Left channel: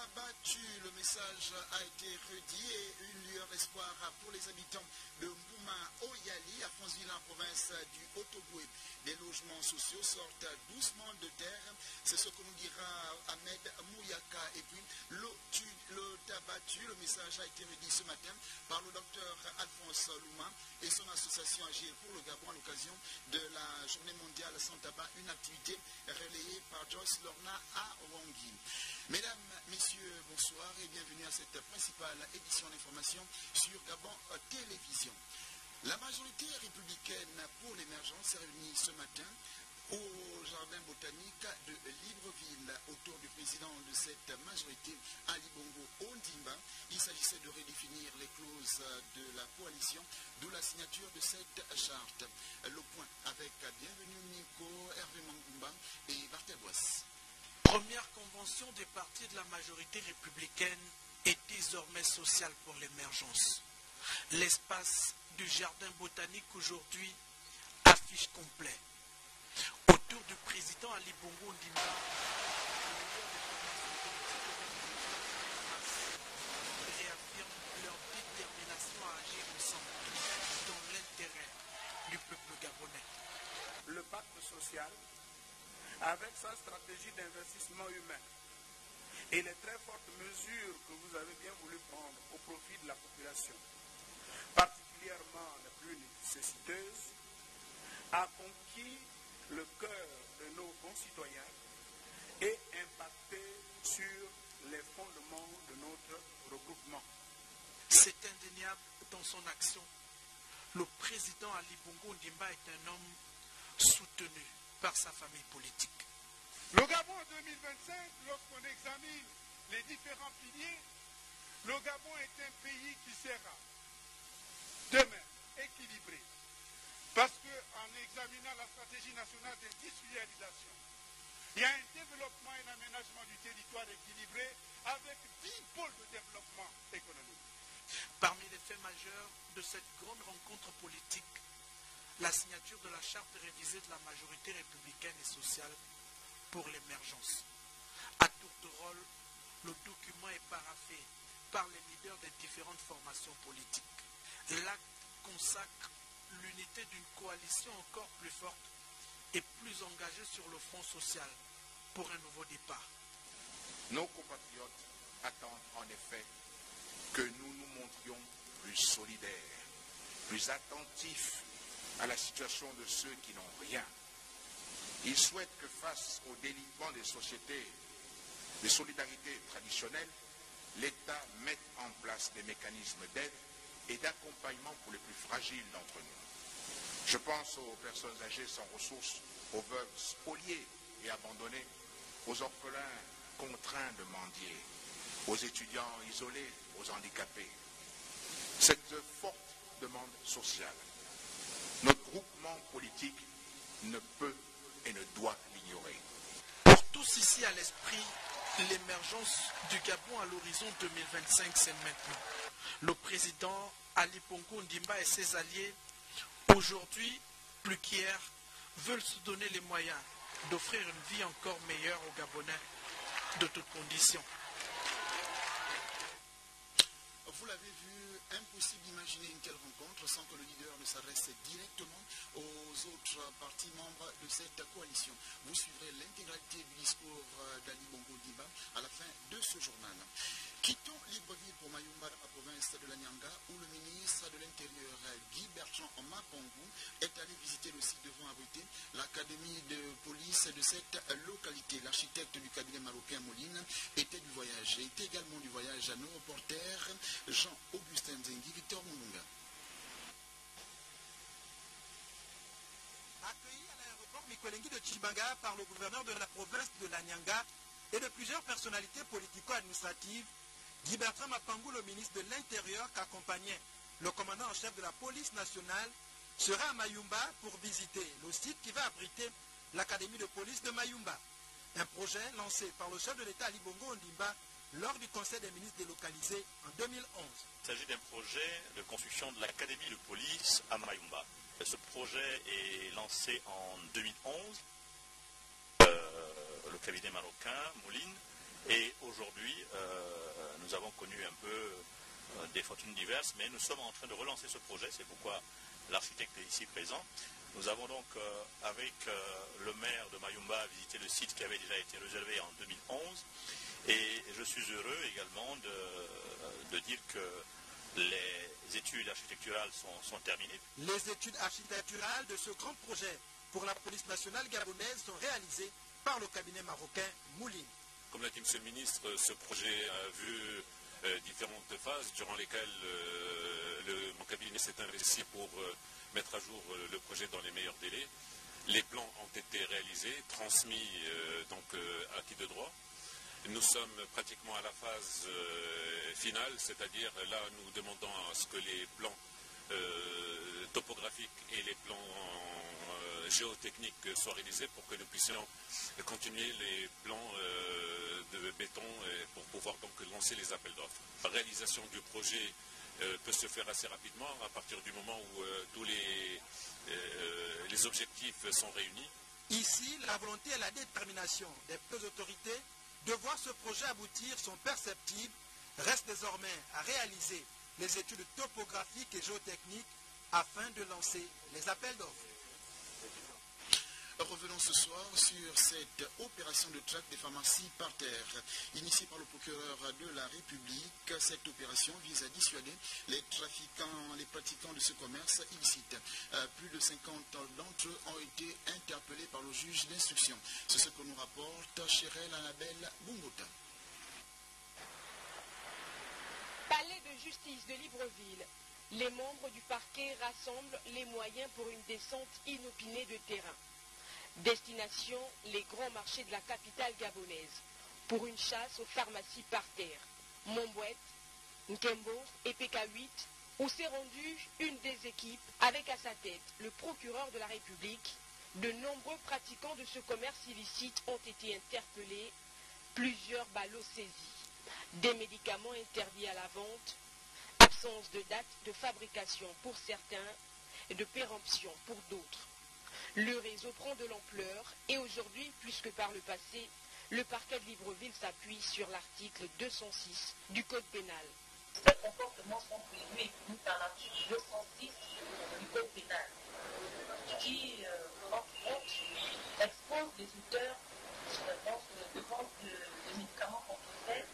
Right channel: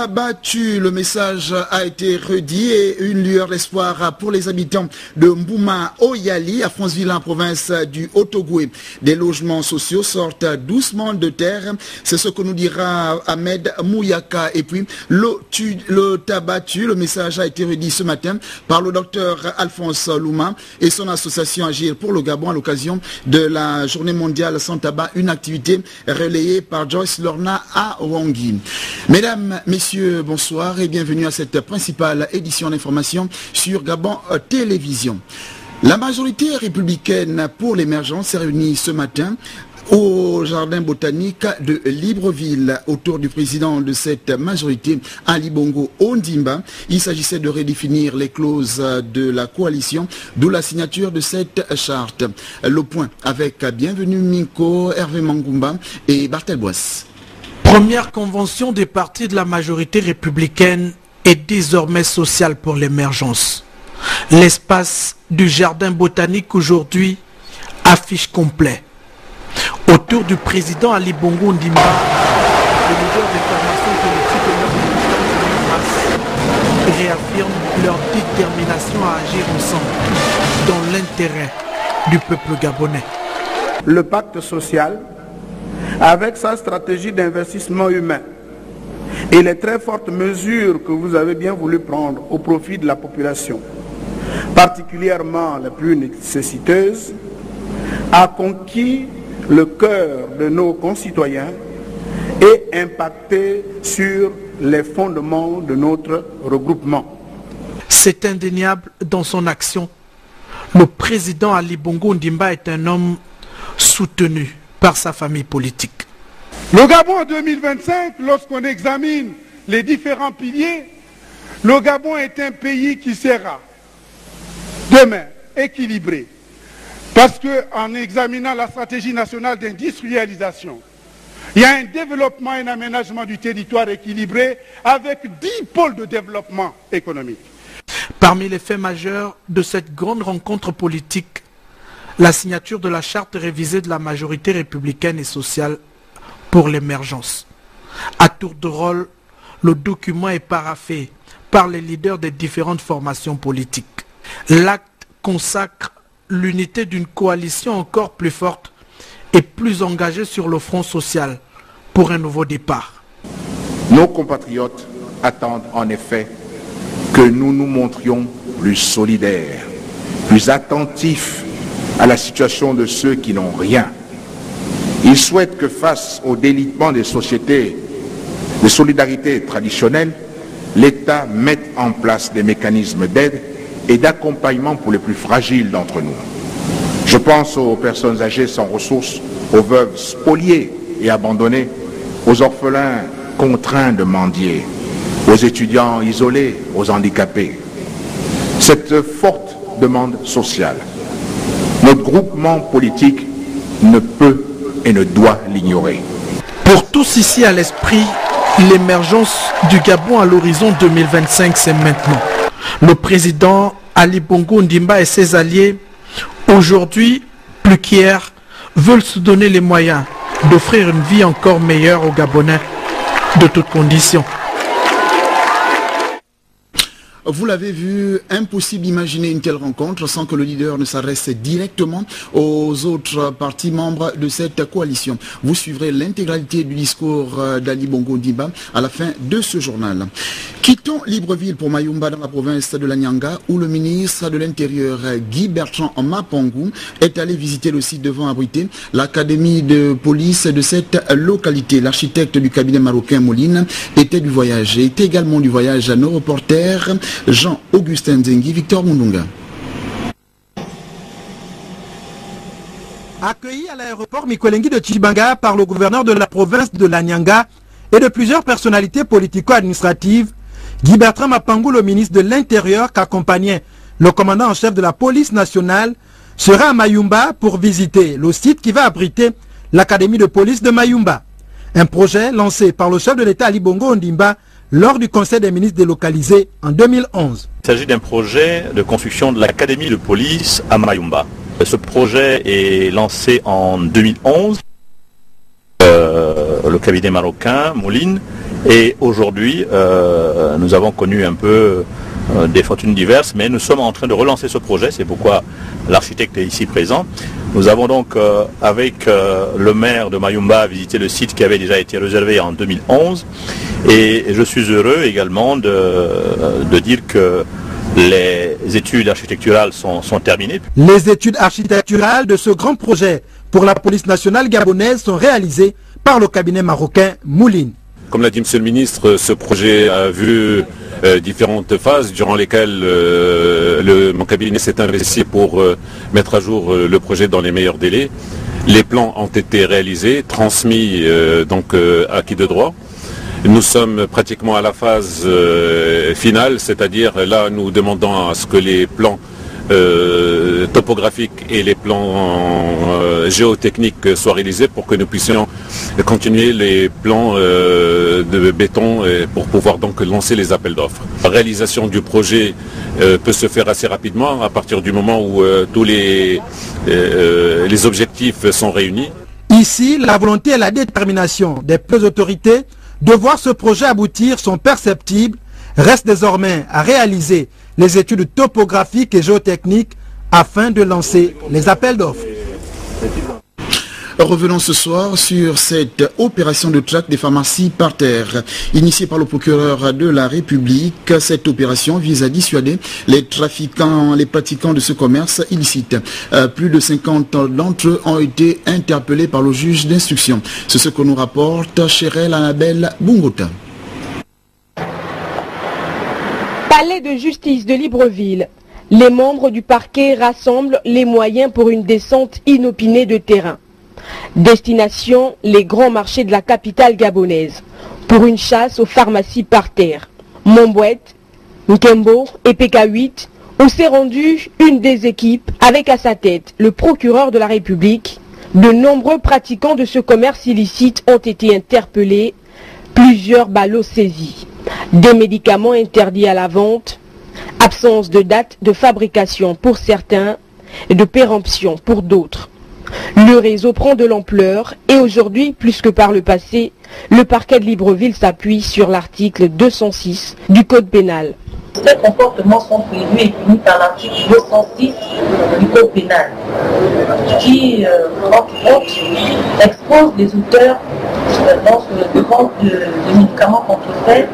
t'a battu, le message a été redit et une lueur d'espoir pour les habitants de Mbouma Oyali, à Franceville, province du Haut-Ogooué. Des logements sociaux sortent doucement de terre, c'est ce que nous dira Ahmed Mouyaka. Et puis le t'a battu, le message a été redit ce matin par le docteur Alphonse Louma et son association Agir pour le Gabon à l'occasion de la journée mondiale sans tabac, une activité relayée par Joyce Lorna à Wangui. Mesdames, messieurs, bonsoir et bienvenue à cette principale édition d'information sur Gabon Télévision. La majorité républicaine pour l'émergence s'est réunie ce matin au jardin botanique de Libreville autour du président de cette majorité, Ali Bongo Ondimba. Il s'agissait de redéfinir les clauses de la coalition, d'où la signature de cette charte. Le point avec Bienvenue Minko, Hervé Mangumba et Bartel Boisse. Première convention des partis de la majorité républicaine est désormais sociale pour l'émergence. L'espace du jardin botanique aujourd'hui affiche complet. Autour du président Ali Bongo Ondimba, les leaders des formations politiques réaffirment leur détermination à agir ensemble dans l'intérêt du peuple gabonais. Le pacte social, avec sa stratégie d'investissement humain et les très fortes mesures que vous avez bien voulu prendre au profit de la population, particulièrement les plus nécessiteuses, a conquis le cœur de nos concitoyens et impacté sur les fondements de notre regroupement. C'est indéniable dans son action. Le président Ali Bongo Ondimba est un homme soutenu par sa famille politique. Le Gabon en 2025, lorsqu'on examine les différents piliers, le Gabon est un pays qui sera demain équilibré. Parce qu'en examinant la stratégie nationale d'industrialisation, il y a un développement et un aménagement du territoire équilibré avec 10 pôles de développement économique. Parmi les faits majeurs de cette grande rencontre politique, la signature de la charte révisée de la majorité républicaine et sociale pour l'émergence. À tour de rôle, le document est paraphé par les leaders des différentes formations politiques. L'acte consacre l'unité d'une coalition encore plus forte et plus engagée sur le front social pour un nouveau départ. Nos compatriotes attendent en effet que nous nous montrions plus solidaires, plus attentifs à la situation de ceux qui n'ont rien. Ils souhaitent que face au délitement des sociétés de solidarité traditionnelles, l'État mette en place des mécanismes d'aide et d'accompagnement pour les plus fragiles d'entre nous. Je pense aux personnes âgées sans ressources, aux veuves spoliées et abandonnées, aux orphelins contraints de mendier, aux étudiants isolés, aux handicapés. Cette forte demande sociale, notre groupement politique ne peut et ne doit l'ignorer. Pour tous ici à l'esprit, l'émergence du Gabon à l'horizon 2025, c'est maintenant. Le président Ali Bongo Ondimba et ses alliés, aujourd'hui, plus qu'hier, veulent se donner les moyens d'offrir une vie encore meilleure aux Gabonais de toutes conditions. Vous l'avez vu, impossible d'imaginer une telle rencontre sans que le leader ne s'adresse directement aux autres partis membres de cette coalition. Vous suivrez l'intégralité du discours d'Ali Bongo Ondimba à la fin de ce journal. Quittons Libreville pour Mayumba dans la province de la Nyanga où le ministre de l'Intérieur Guy Bertrand Mapangou est allé visiter le site devant abriter l'académie de police de cette localité. L'architecte du cabinet marocain Moline était du voyage et était également du voyage à nos reporters Jean-Augustin Zengi, Victor Mundunga. Accueilli à l'aéroport Mikolengi de Tchibanga par le gouverneur de la province de la Nyanga et de plusieurs personnalités politico-administratives, Guy Bertrand Mapangou, le ministre de l'Intérieur, qu'accompagnait le commandant en chef de la police nationale, sera à Mayumba pour visiter le site qui va abriter l'académie de police de Mayumba. Un projet lancé par le chef de l'État Ali Bongo Ondimba lors du Conseil des ministres délocalisé en 2011. Il s'agit d'un projet de construction de l'académie de police à Mayumba. Ce projet est lancé en 2011. Le cabinet marocain, Moline, Et aujourd'hui, nous avons connu un peu des fortunes diverses, mais nous sommes en train de relancer ce projet, c'est pourquoi l'architecte est ici présent. Nous avons donc, avec le maire de Mayumba, visité le site qui avait déjà été réservé en 2011, et je suis heureux également de dire que les études architecturales sont terminées. Les études architecturales de ce grand projet pour la police nationale gabonaise sont réalisées par le cabinet marocain Moulin. Comme l'a dit M. le ministre, ce projet a vu différentes phases durant lesquelles mon cabinet s'est investi pour mettre à jour le projet dans les meilleurs délais. Les plans ont été réalisés, transmis à qui de droit. Nous sommes pratiquement à la phase finale, c'est-à-dire là nous demandons à ce que les plans topographiques et les plans géotechniques soient réalisés pour que nous puissions continuer les plans de béton pour pouvoir donc lancer les appels d'offres. La réalisation du projet peut se faire assez rapidement à partir du moment où tous les objectifs sont réunis. Ici, la volonté et la détermination des deux autorités de voir ce projet aboutir sont perceptibles. Reste désormais à réaliser les études topographiques et géotechniques afin de lancer les appels d'offres. Revenons ce soir sur cette opération de traque des pharmacies par terre. Initiée par le procureur de la République, cette opération vise à dissuader les trafiquants, les pratiquants de ce commerce illicite. Plus de 50 d'entre eux ont été interpellés par le juge d'instruction. C'est ce que nous rapporte Chérel Annabelle Bungota. Palais de justice de Libreville. Les membres du parquet rassemblent les moyens pour une descente inopinée de terrain. Destination, les grands marchés de la capitale gabonaise, pour une chasse aux pharmacies par terre. Mombouette, Nkembo et PK8, où s'est rendue une des équipes avec à sa tête le procureur de la République. De nombreux pratiquants de ce commerce illicite ont été interpellés, plusieurs ballots saisis, des médicaments interdits à la vente, absence de date de fabrication pour certains et de péremption pour d'autres. Le réseau prend de l'ampleur et aujourd'hui, plus que par le passé, le parquet de Libreville s'appuie sur l'article 206 du Code pénal. Ces comportements sont prévus et punis par l'article 206 du Code pénal qui, entre autres, expose les auteurs de vente de médicaments contrefaits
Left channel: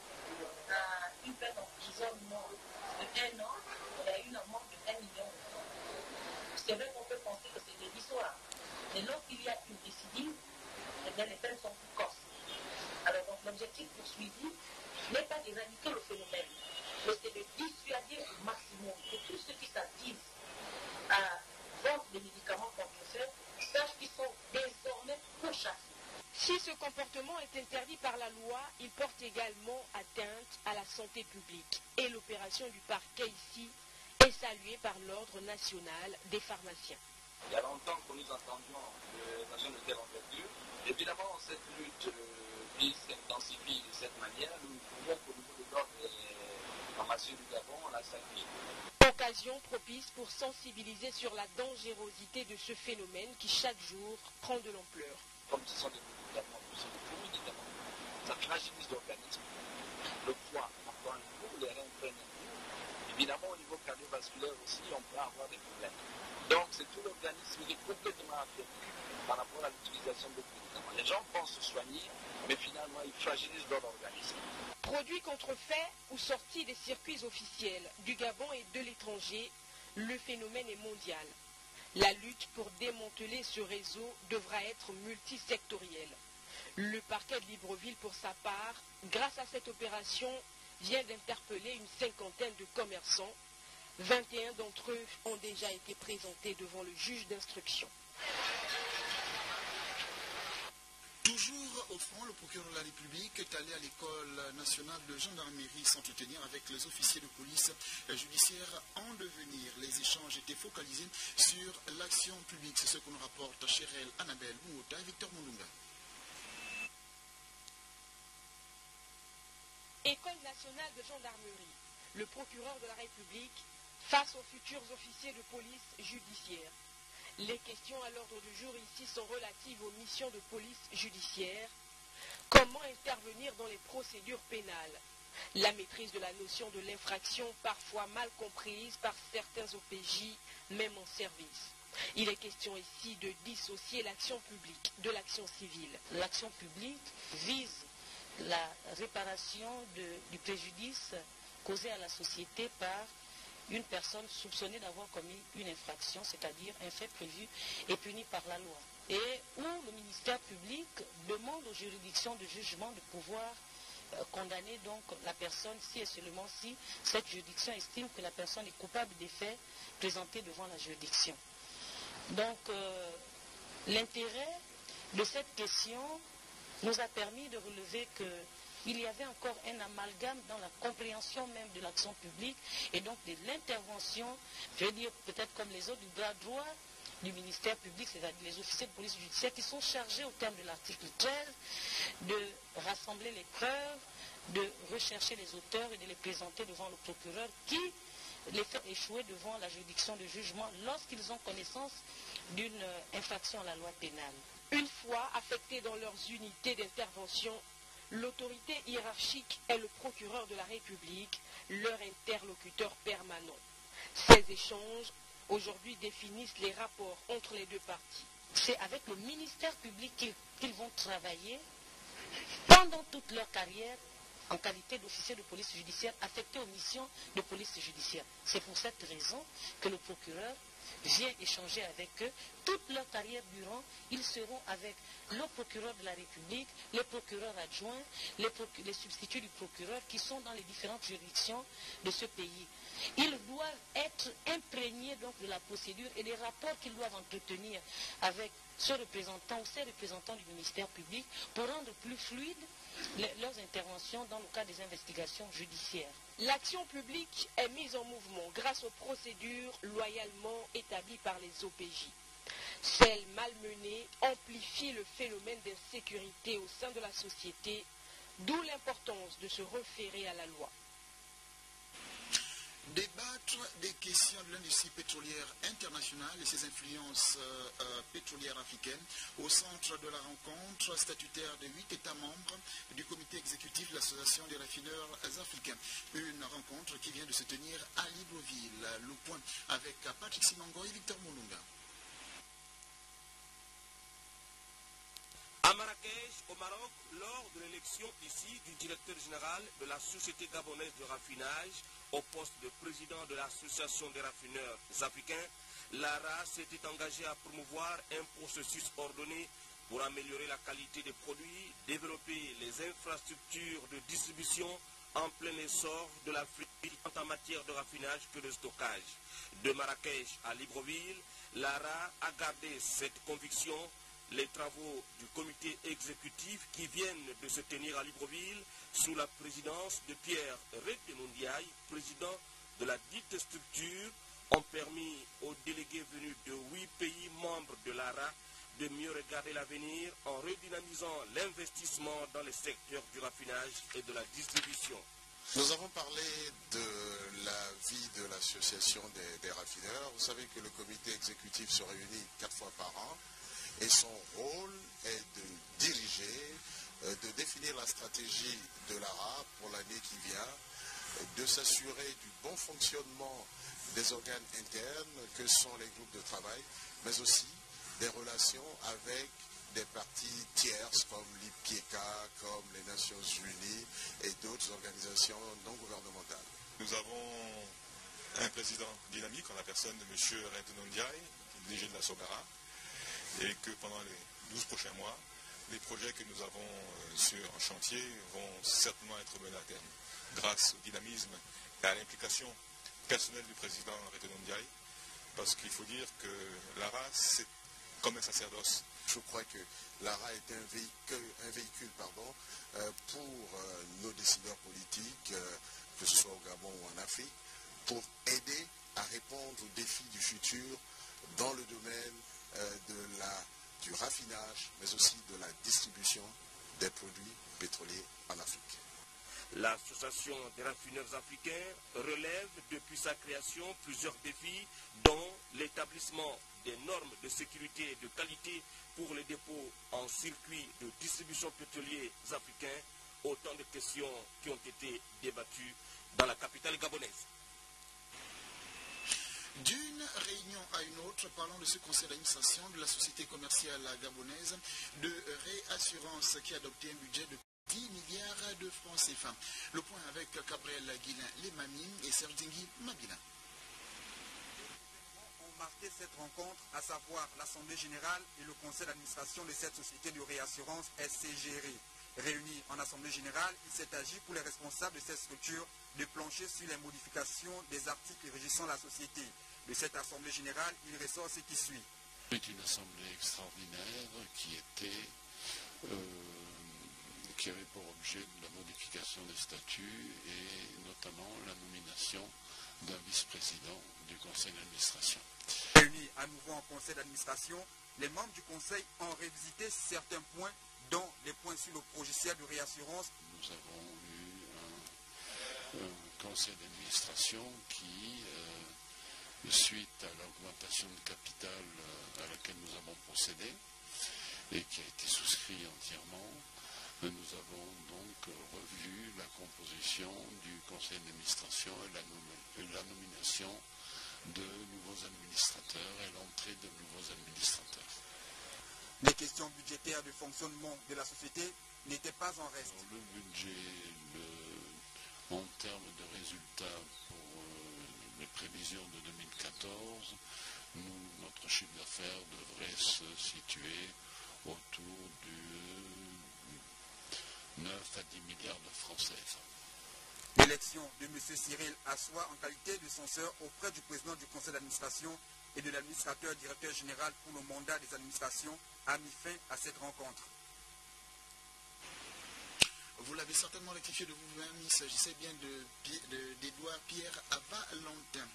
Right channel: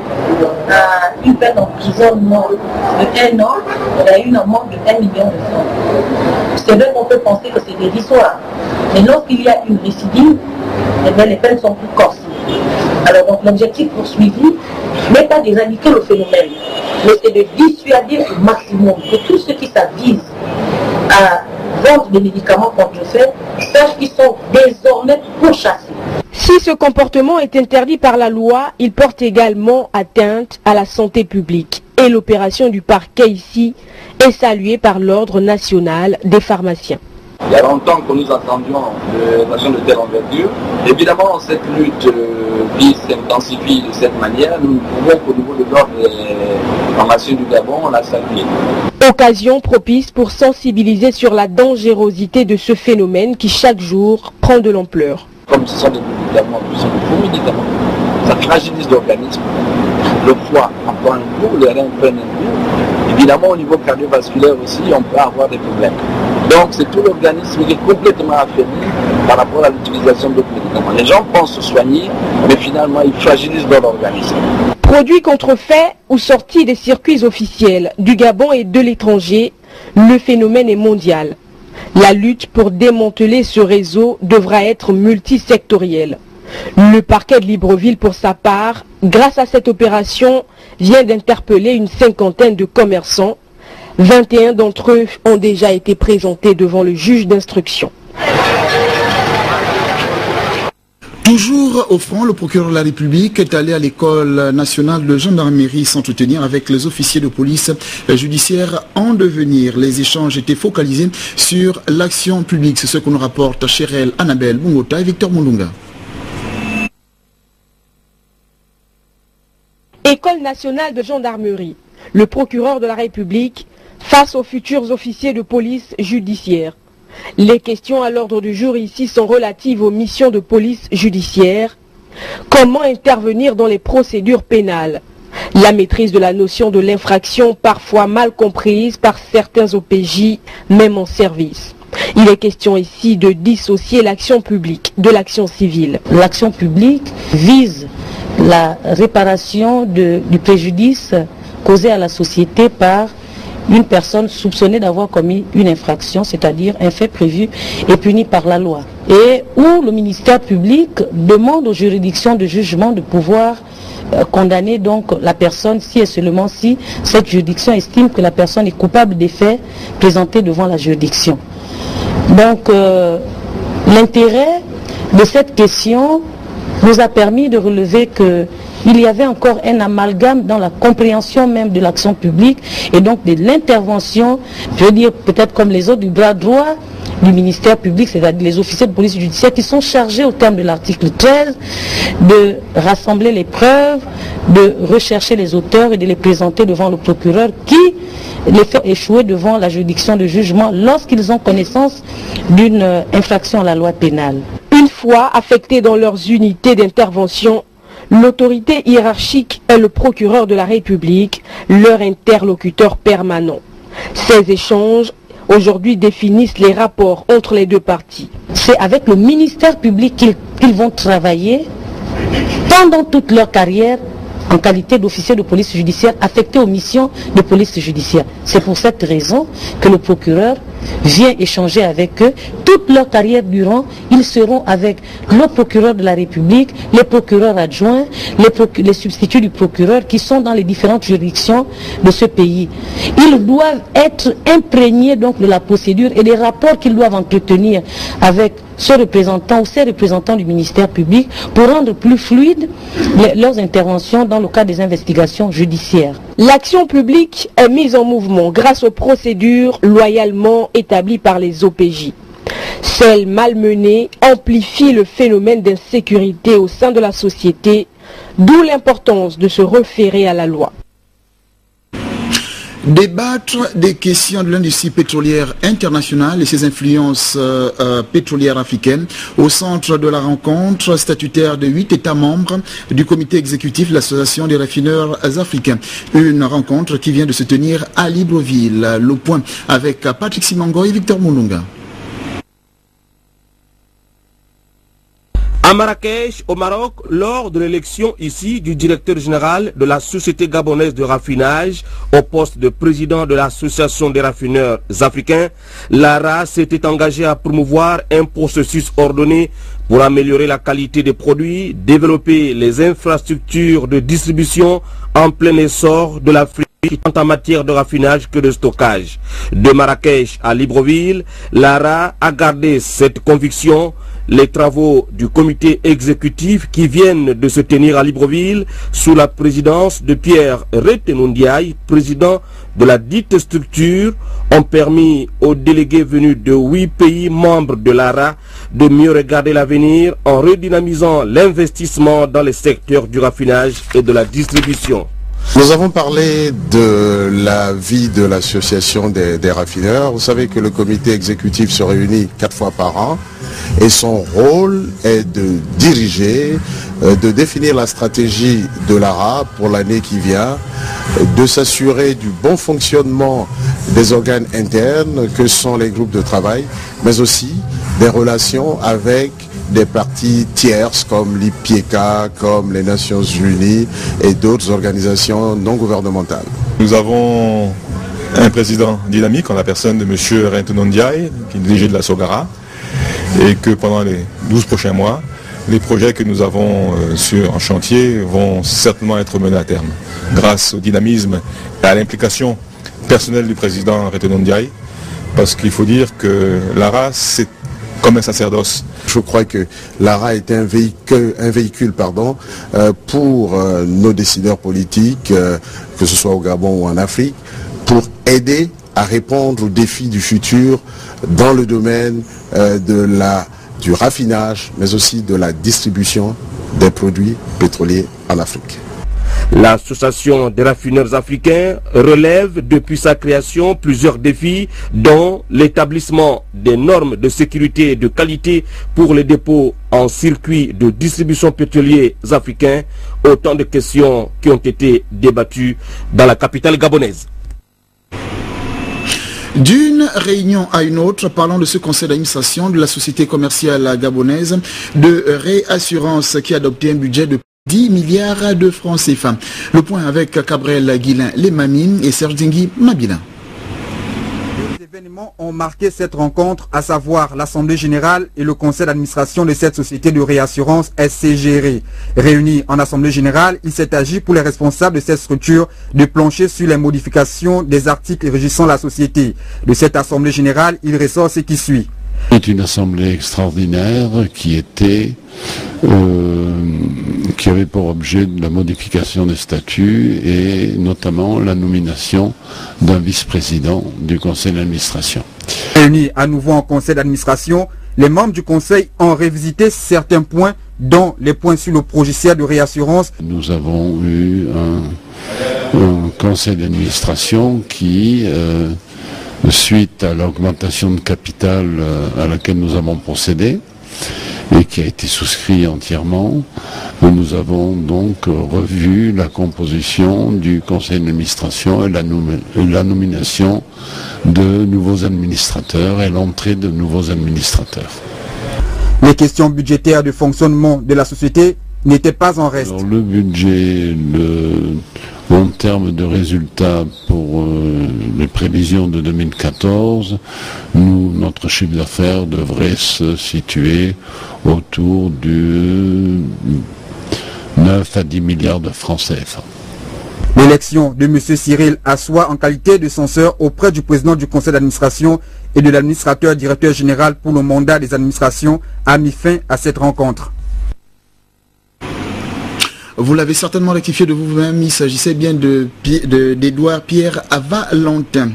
à une peine d'emprisonnement de 1 an et à une amende de 1 million de francs. C'est vrai qu'on peut penser que c'est dérisoire, mais lorsqu'il y a une récidive, les peines sont plus corsées. Alors donc l'objectif poursuivi n'est pas d'éradiquer le phénomène, mais c'est de dissuader au maximum que tous ceux qui s'avisent à vendre des médicaments contrefaits sachent qu'ils sont désormais pourchassés. Si ce comportement est interdit par la loi, il porte également atteinte à la santé publique. Et l'opération du parquet ici est saluée par l'Ordre national des pharmaciens. Il y a longtemps que nous attendions une action de telle envergure. Évidemment, cette lutte s'intensifie de cette manière. Nous pouvons qu'au niveau de l'ordre des pharmaciens du Gabon, on l'a salué. Occasion propice pour sensibiliser sur la dangerosité de ce phénomène qui chaque jour prend de l'ampleur. Comme ce sont des médicaments, ce sont de faux médicaments, ça fragilise l'organisme. Le foie en prend un coup, le rein prend un coup. Évidemment, au niveau cardiovasculaire aussi, on peut avoir des problèmes. Donc, c'est tout l'organisme qui est complètement affaibli par rapport à l'utilisation d'autres médicaments. Les gens pensent se soigner, mais finalement, ils fragilisent leur organisme. Produits contrefaits ou sortis des circuits officiels du Gabon et de l'étranger, le phénomène est mondial. La lutte pour démanteler ce réseau devra être multisectorielle. Le parquet de Libreville, pour sa part, grâce à cette opération, vient d'interpeller une 50aine de commerçants. 21 d'entre eux ont déjà été présentés devant le juge d'instruction. Toujours au front, le procureur de la République est allé à l'école nationale de gendarmerie s'entretenir avec les officiers de police judiciaire en devenir. Les échanges étaient focalisés sur l'action publique. C'est ce que nous rapporte Chérel Annabelle Bungota et Victor Moulunga. École nationale de gendarmerie. Le procureur de la République face aux futurs officiers de police judiciaire. Les questions à l'ordre du jour ici sont relatives aux missions de police judiciaire, Comment intervenir dans les procédures pénales? La maîtrise de la notion de l'infraction, parfois mal comprise par certains OPJ, même en service. Il est question ici de dissocier l'action publique de l'action civile. L'action publique vise la réparation du préjudice causé à la société par une personne soupçonnée d'avoir commis une infraction, c'est-à-dire un fait prévu et puni par la loi. Et où le ministère public demande aux juridictions de jugement de pouvoir condamner donc la personne si et seulement si cette juridiction estime que la personne est coupable des faits présentés devant la juridiction. Donc l'intérêt de cette question nous a permis de relever qu'il y avait encore un amalgame dans la compréhension même de l'action publique et donc de l'intervention, je veux dire peut-être comme les autres, du bras droit du ministère public, c'est-à-dire les officiers de police judiciaire qui sont chargés au terme de l'article 13 de rassembler les preuves, de rechercher les auteurs et de les présenter devant le procureur qui les fait échouer devant la juridiction de jugement lorsqu'ils ont connaissance d'une infraction à la loi pénale. Une fois affectés dans leurs unités d'intervention, l'autorité hiérarchique est le procureur de la République, leur interlocuteur permanent. Ces échanges aujourd'hui définissent les rapports entre les deux parties. C'est avec le ministère public qu'ils vont travailler pendant toute leur carrière en qualité d'officier de police judiciaire affecté aux missions de police judiciaire. C'est pour cette raison que le procureur vient échanger avec eux. Toute leur carrière durant, ils seront avec le procureur de la République, les procureurs adjoints, les substituts du procureur qui sont dans les différentes juridictions de ce pays. Ils doivent être imprégnés donc de la procédure et des rapports qu'ils doivent entretenir avec ce représentant ou ces représentants du ministère public pour rendre plus fluides leurs interventions dans le cadre des investigations judiciaires. L'action publique est mise en mouvement grâce aux procédures loyalement établies par les OPJ. Celles malmenées amplifient le phénomène d'insécurité au sein de la société, d'où l'importance de se référer à la loi. Débattre des questions de l'industrie pétrolière internationale et ses influences pétrolières africaines au centre de la rencontre statutaire de 8 États membres du comité exécutif de l'Association des raffineurs africains. Une rencontre qui vient de se tenir à Libreville. Le point avec Patrick Simango et Victor Moulunga. À Marrakech, au Maroc, lors de l'élection ici du directeur général de la Société gabonaise de raffinage au poste de président de l'Association des raffineurs africains, l'ARA s'était engagée à promouvoir un processus ordonné pour améliorer la qualité des produits, développer les infrastructures de distribution en plein essor de l'Afrique tant en matière de raffinage que de stockage. De Marrakech à Libreville, l'ARA a gardé cette conviction. Les travaux du comité exécutif qui viennent de se tenir à Libreville sous la présidence de Pierre Retenundiaï, président de la dite structure, ont permis aux délégués venus de 8 pays membres de l'ARA de mieux regarder l'avenir en redynamisant l'investissement dans les secteurs du raffinage et de la distribution. Nous avons parlé de la vie de l'association des raffineurs. Vous savez que le comité exécutif se réunit 4 fois par an et son rôle est de diriger, de définir la stratégie de l'ARA pour l'année qui vient, de s'assurer du bon fonctionnement des organes internes que sont les groupes de travail, mais aussi des relations avec des parties tierces comme l'IPIECA, comme les Nations Unies et d'autres organisations non gouvernementales. Nous avons un président dynamique en la personne de M. Retenundiaï, qui est dirigé de la SOGARA, et que pendant les 12 prochains mois, les projets que nous avons en chantier vont certainement être menés à terme, grâce au dynamisme et à l'implication personnelle du président Retenundiaï, parce qu'il faut dire que l'ARA, c'est comme un sacerdoce. Je crois que l'ARA est un véhicule pour nos décideurs politiques, que ce soit au Gabon ou en Afrique, pour aider à répondre aux défis du futur dans le domaine du raffinage, mais aussi de la distribution des produits pétroliers en Afrique. L'association des raffineurs africains relève depuis sa création plusieurs défis, dont l'établissement des normes de sécurité et de qualité pour les dépôts en circuit de distribution pétroliers africains. Autant de questions qui ont été débattues dans la capitale gabonaise. D'une réunion à une autre, parlons de ce conseil d'administration de la société commerciale gabonaise de réassurance qui a adopté un budget de 10 milliards de francs CFA. Le point avec Cabrel Guilin Lemamine et Serge Dingui Mabila. Deux événements ont marqué cette rencontre, à savoir l'Assemblée générale et le conseil d'administration de cette société de réassurance SCGR. Réunis en Assemblée générale, il s'est agi pour les responsables de cette structure de plancher sur les modifications des articles régissant la société. De cette Assemblée générale, il ressort ce qui suit. C'est une assemblée extraordinaire qui avait pour objet la modification des statuts et notamment la nomination d'un vice-président du conseil d'administration. Réunis à nouveau en conseil d'administration, les membres du conseil ont révisité certains points, dont les points sur le logiciel de réassurance. Nous avons eu un conseil d'administration qui, suite à l'augmentation de capital à laquelle nous avons procédé et qui a été souscrit entièrement, nous avons donc revu la composition du conseil d'administration et la nomination de nouveaux administrateurs et l'entrée de nouveaux administrateurs. Les questions budgétaires de fonctionnement de la société n'étaient pas en reste. Alors, le budget en termes de résultats pour les prévisions de 2014, notre chiffre d'affaires devrait se situer autour de 9 à 10 milliards de francs CFA. L'élection de M. Cyril Assois en qualité de censeur auprès du président du conseil d'administration et de l'administrateur directeur général pour le mandat des administrations a mis fin à cette rencontre. Vous l'avez certainement rectifié de vous-même, il s'agissait bien d'Edouard Pierre Valentin.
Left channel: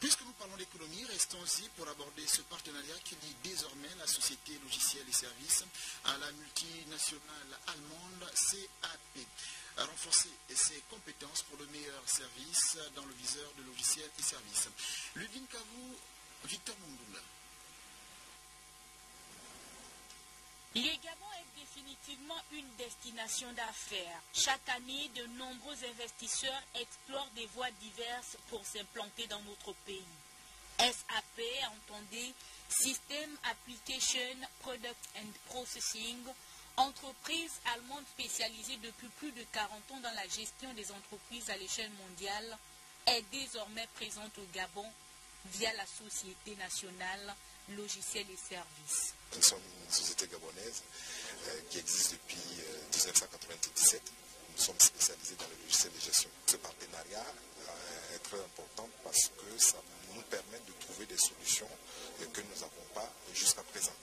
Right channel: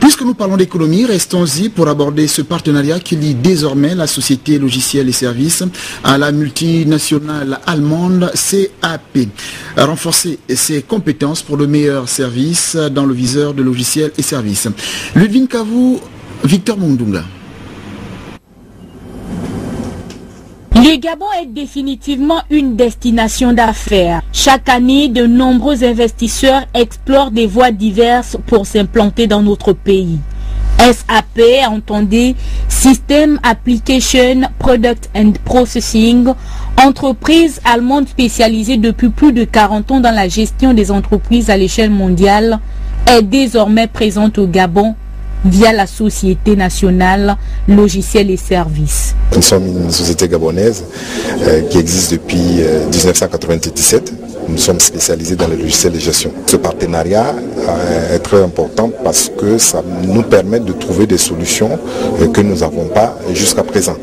Puisque nous parlons d'économie, restons-y pour aborder ce partenariat qui lie désormais la société logiciels et services à la multinationale allemande CAP. Renforcer ses compétences pour le meilleur service dans le viseur de logiciels et services. Ludwin Kavou, Victor Mundunga. Le Gabon est définitivement une destination d'affaires. Chaque année, de nombreux investisseurs explorent des voies diverses pour s'implanter dans notre pays. SAP, entendez, System Application Product and Processing, entreprise allemande spécialisée depuis plus de 40 ans dans la gestion des entreprises à l'échelle mondiale, est désormais présente au Gabon via la Société nationale logiciels et services. Nous sommes une société gabonaise qui existe depuis 1997. Nous sommes spécialisés dans les logiciels de gestion. Ce partenariat est très important parce que ça nous permet de trouver des solutions que nous n'avons pas jusqu'à présent.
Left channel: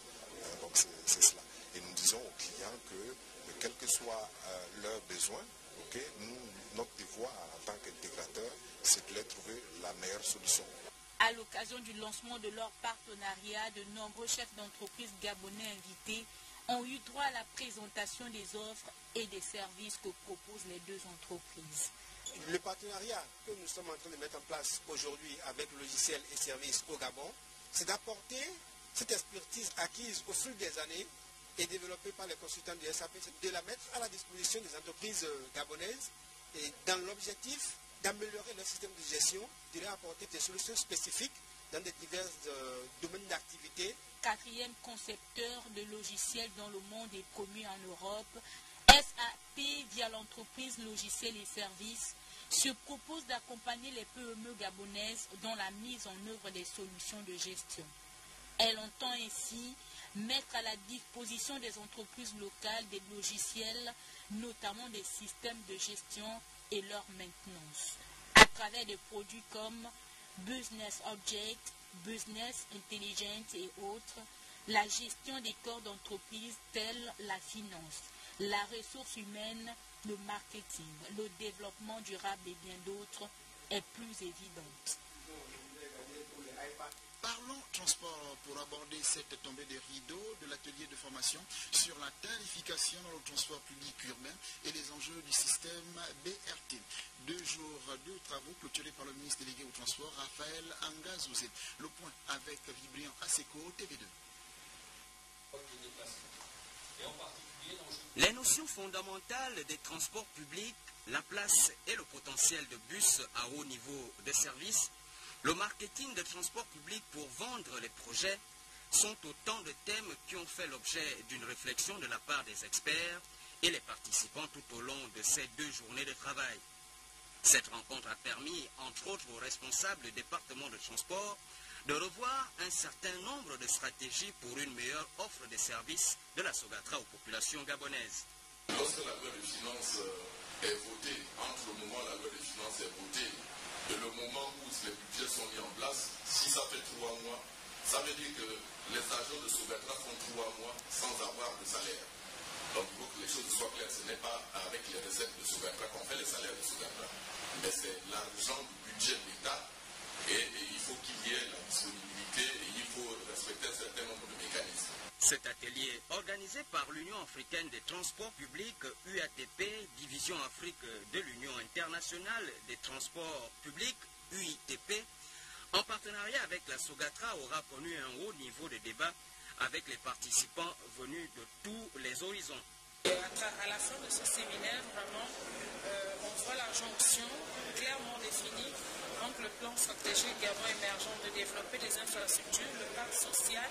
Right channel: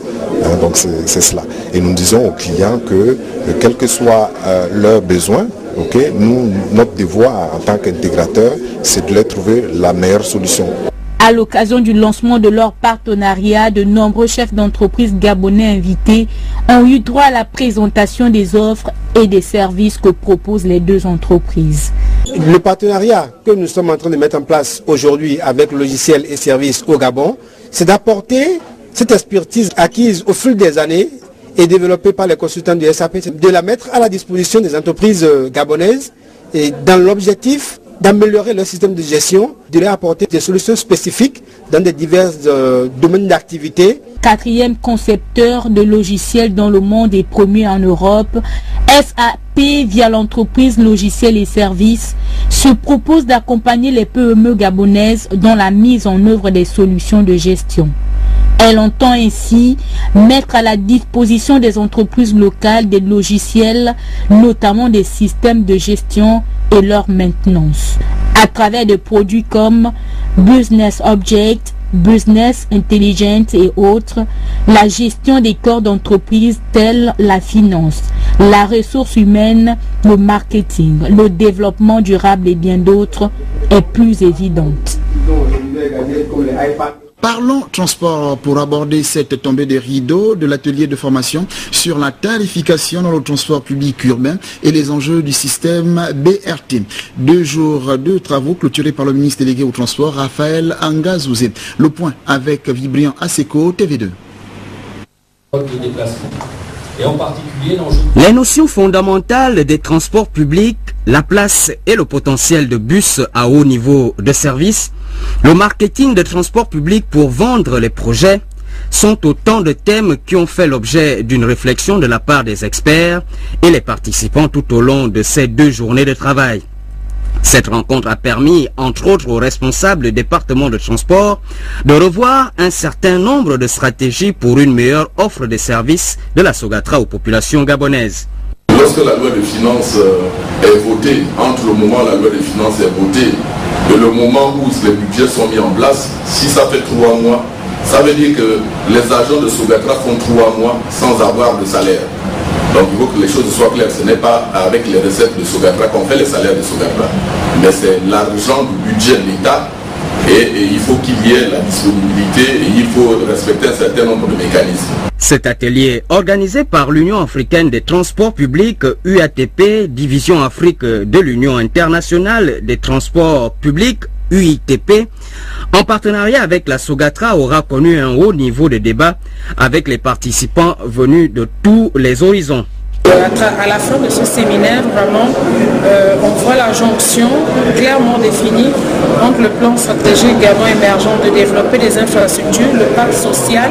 Donc c'est cela. Et nous disons aux clients que quels que soient leurs besoins, notre devoir en tant qu'intégrateur, c'est de leur trouver la meilleure solution. À l'occasion du lancement de leur partenariat, de nombreux chefs d'entreprise gabonais invités ont eu droit à la présentation des offres et des services que proposent les deux entreprises. Le partenariat que nous sommes en train de mettre en place aujourd'hui avec logiciels et services au Gabon, c'est d'apporter cette expertise acquise au fil des années et développée par les consultants du SAP, de la mettre à la disposition des entreprises gabonaises et dans l'objectif d'améliorer leur système de gestion, de leur apporter des solutions spécifiques dans des divers domaines d'activité. Quatrième concepteur de logiciels dans le monde et premier en Europe, SAP, via l'entreprise Logiciels et Services, se propose d'accompagner les PME gabonaises dans la mise en œuvre des solutions de gestion. Elle entend ainsi mettre à la disposition des entreprises locales des logiciels, notamment des systèmes de gestion et leur maintenance, à travers des produits comme Business Object, Business Intelligence et autres, la gestion des corps d'entreprise tels la finance, la ressource humaine, le marketing, le développement durable et bien d'autres est plus évidente. Parlons transport pour aborder cette tombée de rideau de l'atelier de formation sur la tarification dans le transport public urbain et les enjeux du système BRT. 2 jours de travaux clôturés par le ministre délégué au transport, Raphaël Angazouzé. Le point avec Vibrian Aseko, TV2. Les notions fondamentales des transports publics, la place et le potentiel de bus à haut niveau de service, le marketing de transport public pour vendre les projets sont autant de thèmes qui ont fait l'objet d'une réflexion de la part des experts et les participants tout au long de ces 2 journées de travail. Cette rencontre a permis, entre autres aux responsables du département de transport, de revoir un certain nombre de stratégies pour une meilleure offre de services de la Sogatra aux populations gabonaises. Lorsque la loi de finances est votée, entre le moment où la loi de finances est votée et le moment où les budgets sont mis en place, si ça fait 3 mois, ça veut dire que les agents de Sogatra font 3 mois sans avoir de salaire. Donc il faut que les choses soient claires. Ce n'est pas avec les recettes de Sogatra qu'on fait les salaires de Sogatra, mais c'est l'argent du budget de l'État et il faut qu'il y ait la disponibilité et il faut respecter un certain nombre de mécanismes. Cet atelier, organisé par l'Union africaine des transports publics, UATP, Division Afrique de l'Union internationale des transports publics, UITP, en partenariat avec la Sogatra, aura connu un haut niveau de débat avec les participants venus de tous les horizons. À la fin de ce séminaire, vraiment, on voit la jonction clairement définie entre le plan stratégique Gabon émergent de développer des infrastructures, le pacte social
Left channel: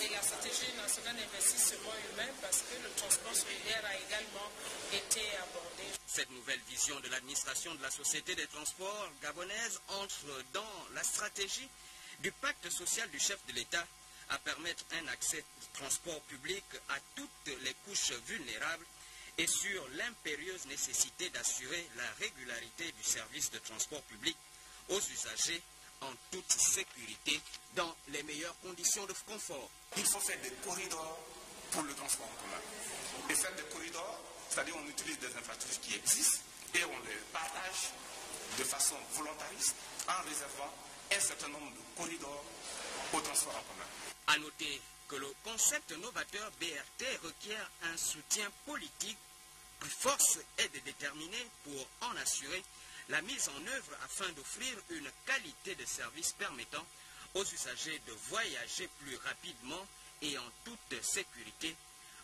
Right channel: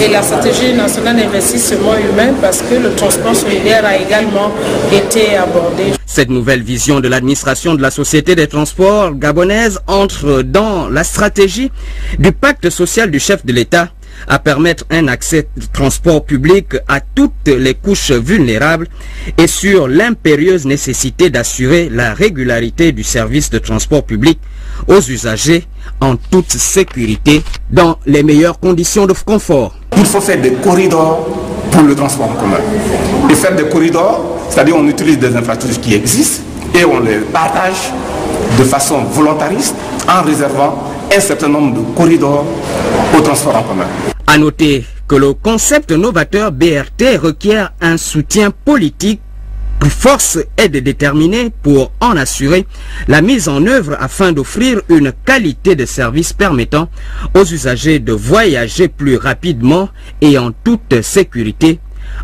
et la stratégie nationale d'investissement humain, parce que le transport solidaire a également été abordé. Cette nouvelle vision de l'administration de la Société des transports gabonaise entre dans la stratégie du pacte social du chef de l'État à permettre un accès de transport public à toutes les couches vulnérables et sur l'impérieuse nécessité d'assurer la régularité du service de transport public aux usagers en toute sécurité dans les meilleures conditions de confort. Il faut faire des corridors pour le transport en commun. Et faire des corridors, c'est-à-dire on utilise des infrastructures qui existent et on les partage de façon volontariste en réservant un certain nombre de corridors au transport en commun. À noter que le concept novateur BRT requiert un soutien politique. Force est de déterminer pour en assurer la mise en œuvre afin d'offrir une qualité de service permettant aux usagers de voyager plus rapidement et en toute sécurité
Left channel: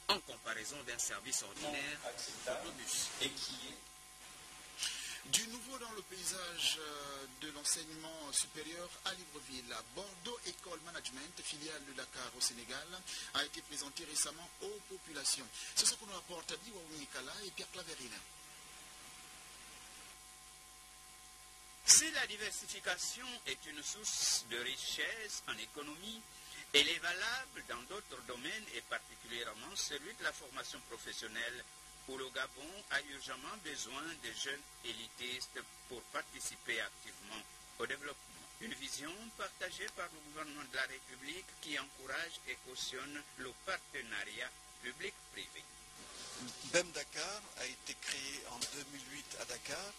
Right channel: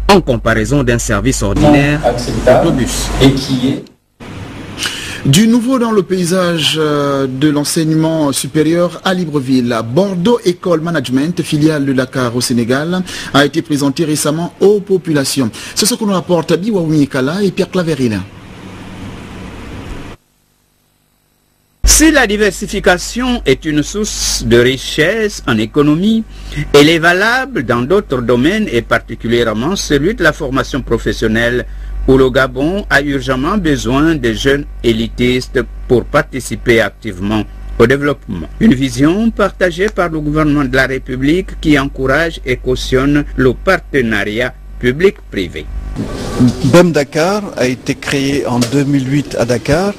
en comparaison d'un service ordinaire d'autobus. Et qui est du nouveau dans le paysage de l'enseignement supérieur à Libreville. Bordeaux École Management, filiale de Dakar au Sénégal, a été présenté récemment aux populations. C'est ce que nous rapportent Biwaoumi Kala et Pierre Claveril. Si la diversification est une source de richesse en économie, elle est valable dans d'autres domaines et particulièrement celui de la formation professionnelle, où le Gabon a urgemment besoin de jeunes élitistes pour participer activement au développement. Une vision partagée par le gouvernement de la République qui encourage et cautionne le partenariat public-privé. BEM Dakar a été créé en 2008 à Dakar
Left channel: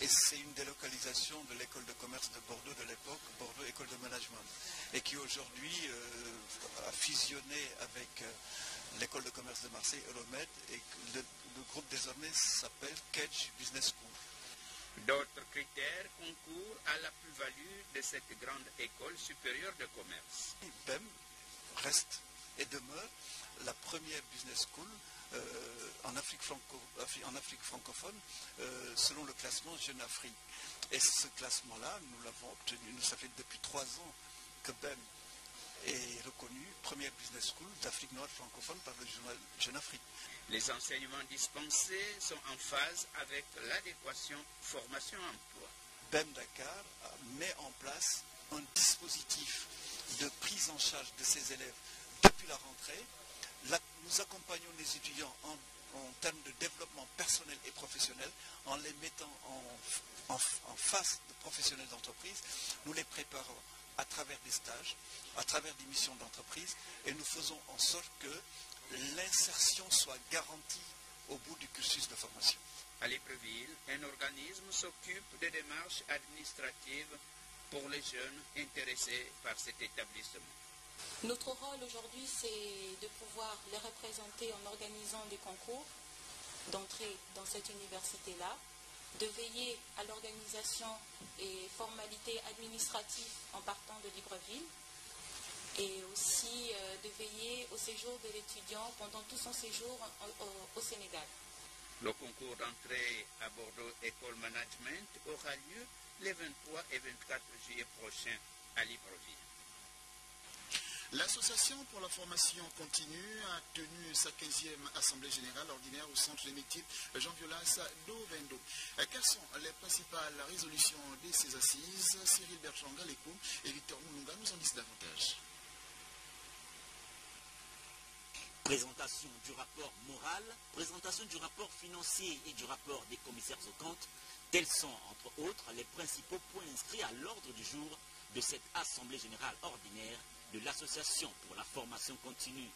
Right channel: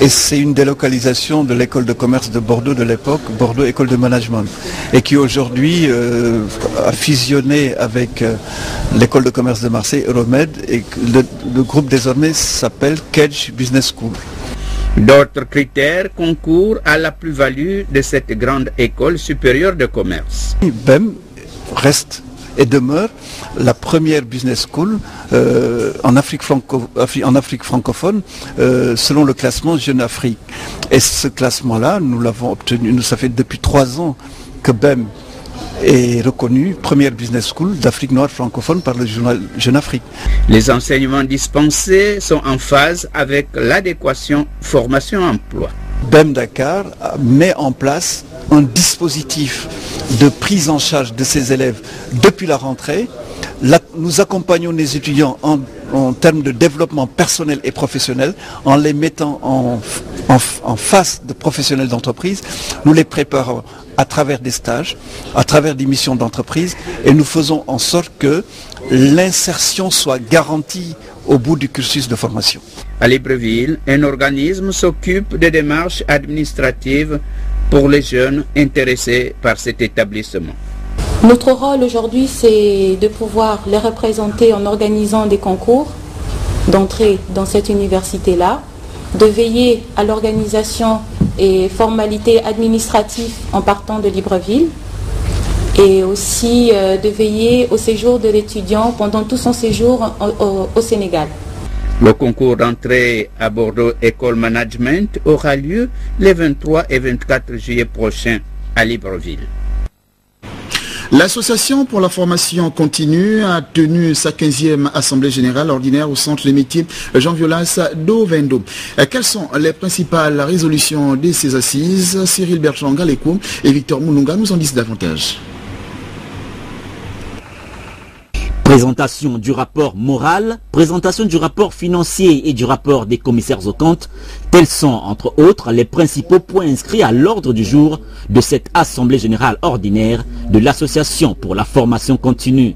et c'est une délocalisation de l'école de commerce de Bordeaux de l'époque, Bordeaux École de Management, et qui aujourd'hui a fusionné avec l'école de commerce de Marseille, Euromed, et le groupe désormais s'appelle Kedge Business School. D'autres critères concourent à la plus-value de cette grande école supérieure de commerce. BEM reste et demeure la première business school en Afrique francophone selon le classement Jeune Afrique. Et ce classement-là, nous l'avons obtenu, ça fait depuis 3 ans que BEM est reconnue première business school d'Afrique noire francophone par le journal Jeune Afrique. Les enseignements dispensés sont en phase avec l'adéquation formation-emploi. BEM Dakar met en place un dispositif de prise en charge de ces élèves depuis la rentrée. Là, nous accompagnons les étudiants en termes de développement personnel et professionnel en les mettant en face de professionnels d'entreprise. Nous les préparons à travers des stages, à travers des missions d'entreprise et nous faisons en sorte que l'insertion soit garantie au bout du cursus de formation. À Libreville, un organisme s'occupe des démarches administratives pour les jeunes intéressés par cet établissement. Notre rôle aujourd'hui, c'est de pouvoir les représenter en organisant des concours d'entrée dans cette université-là, de veiller à l'organisation et formalités administratives en partant de Libreville, et aussi de veiller au séjour de l'étudiant pendant tout son séjour au Sénégal. Le concours d'entrée à Bordeaux École Management aura lieu les 23 et 24 juillet prochains à Libreville. L'Association pour la formation continue a tenu sa 15e Assemblée générale ordinaire au Centre des métiers Jean Violas d'Ovendo. Quelles sont les principales résolutions de ces assises? Cyril Bertrand Galeko et Victor Moununga nous en disent davantage. Présentation du rapport moral, présentation du rapport financier et du rapport des commissaires aux comptes, tels sont entre autres les principaux points inscrits à l'ordre du jour de cette Assemblée générale ordinaire de l'Association pour la formation continue.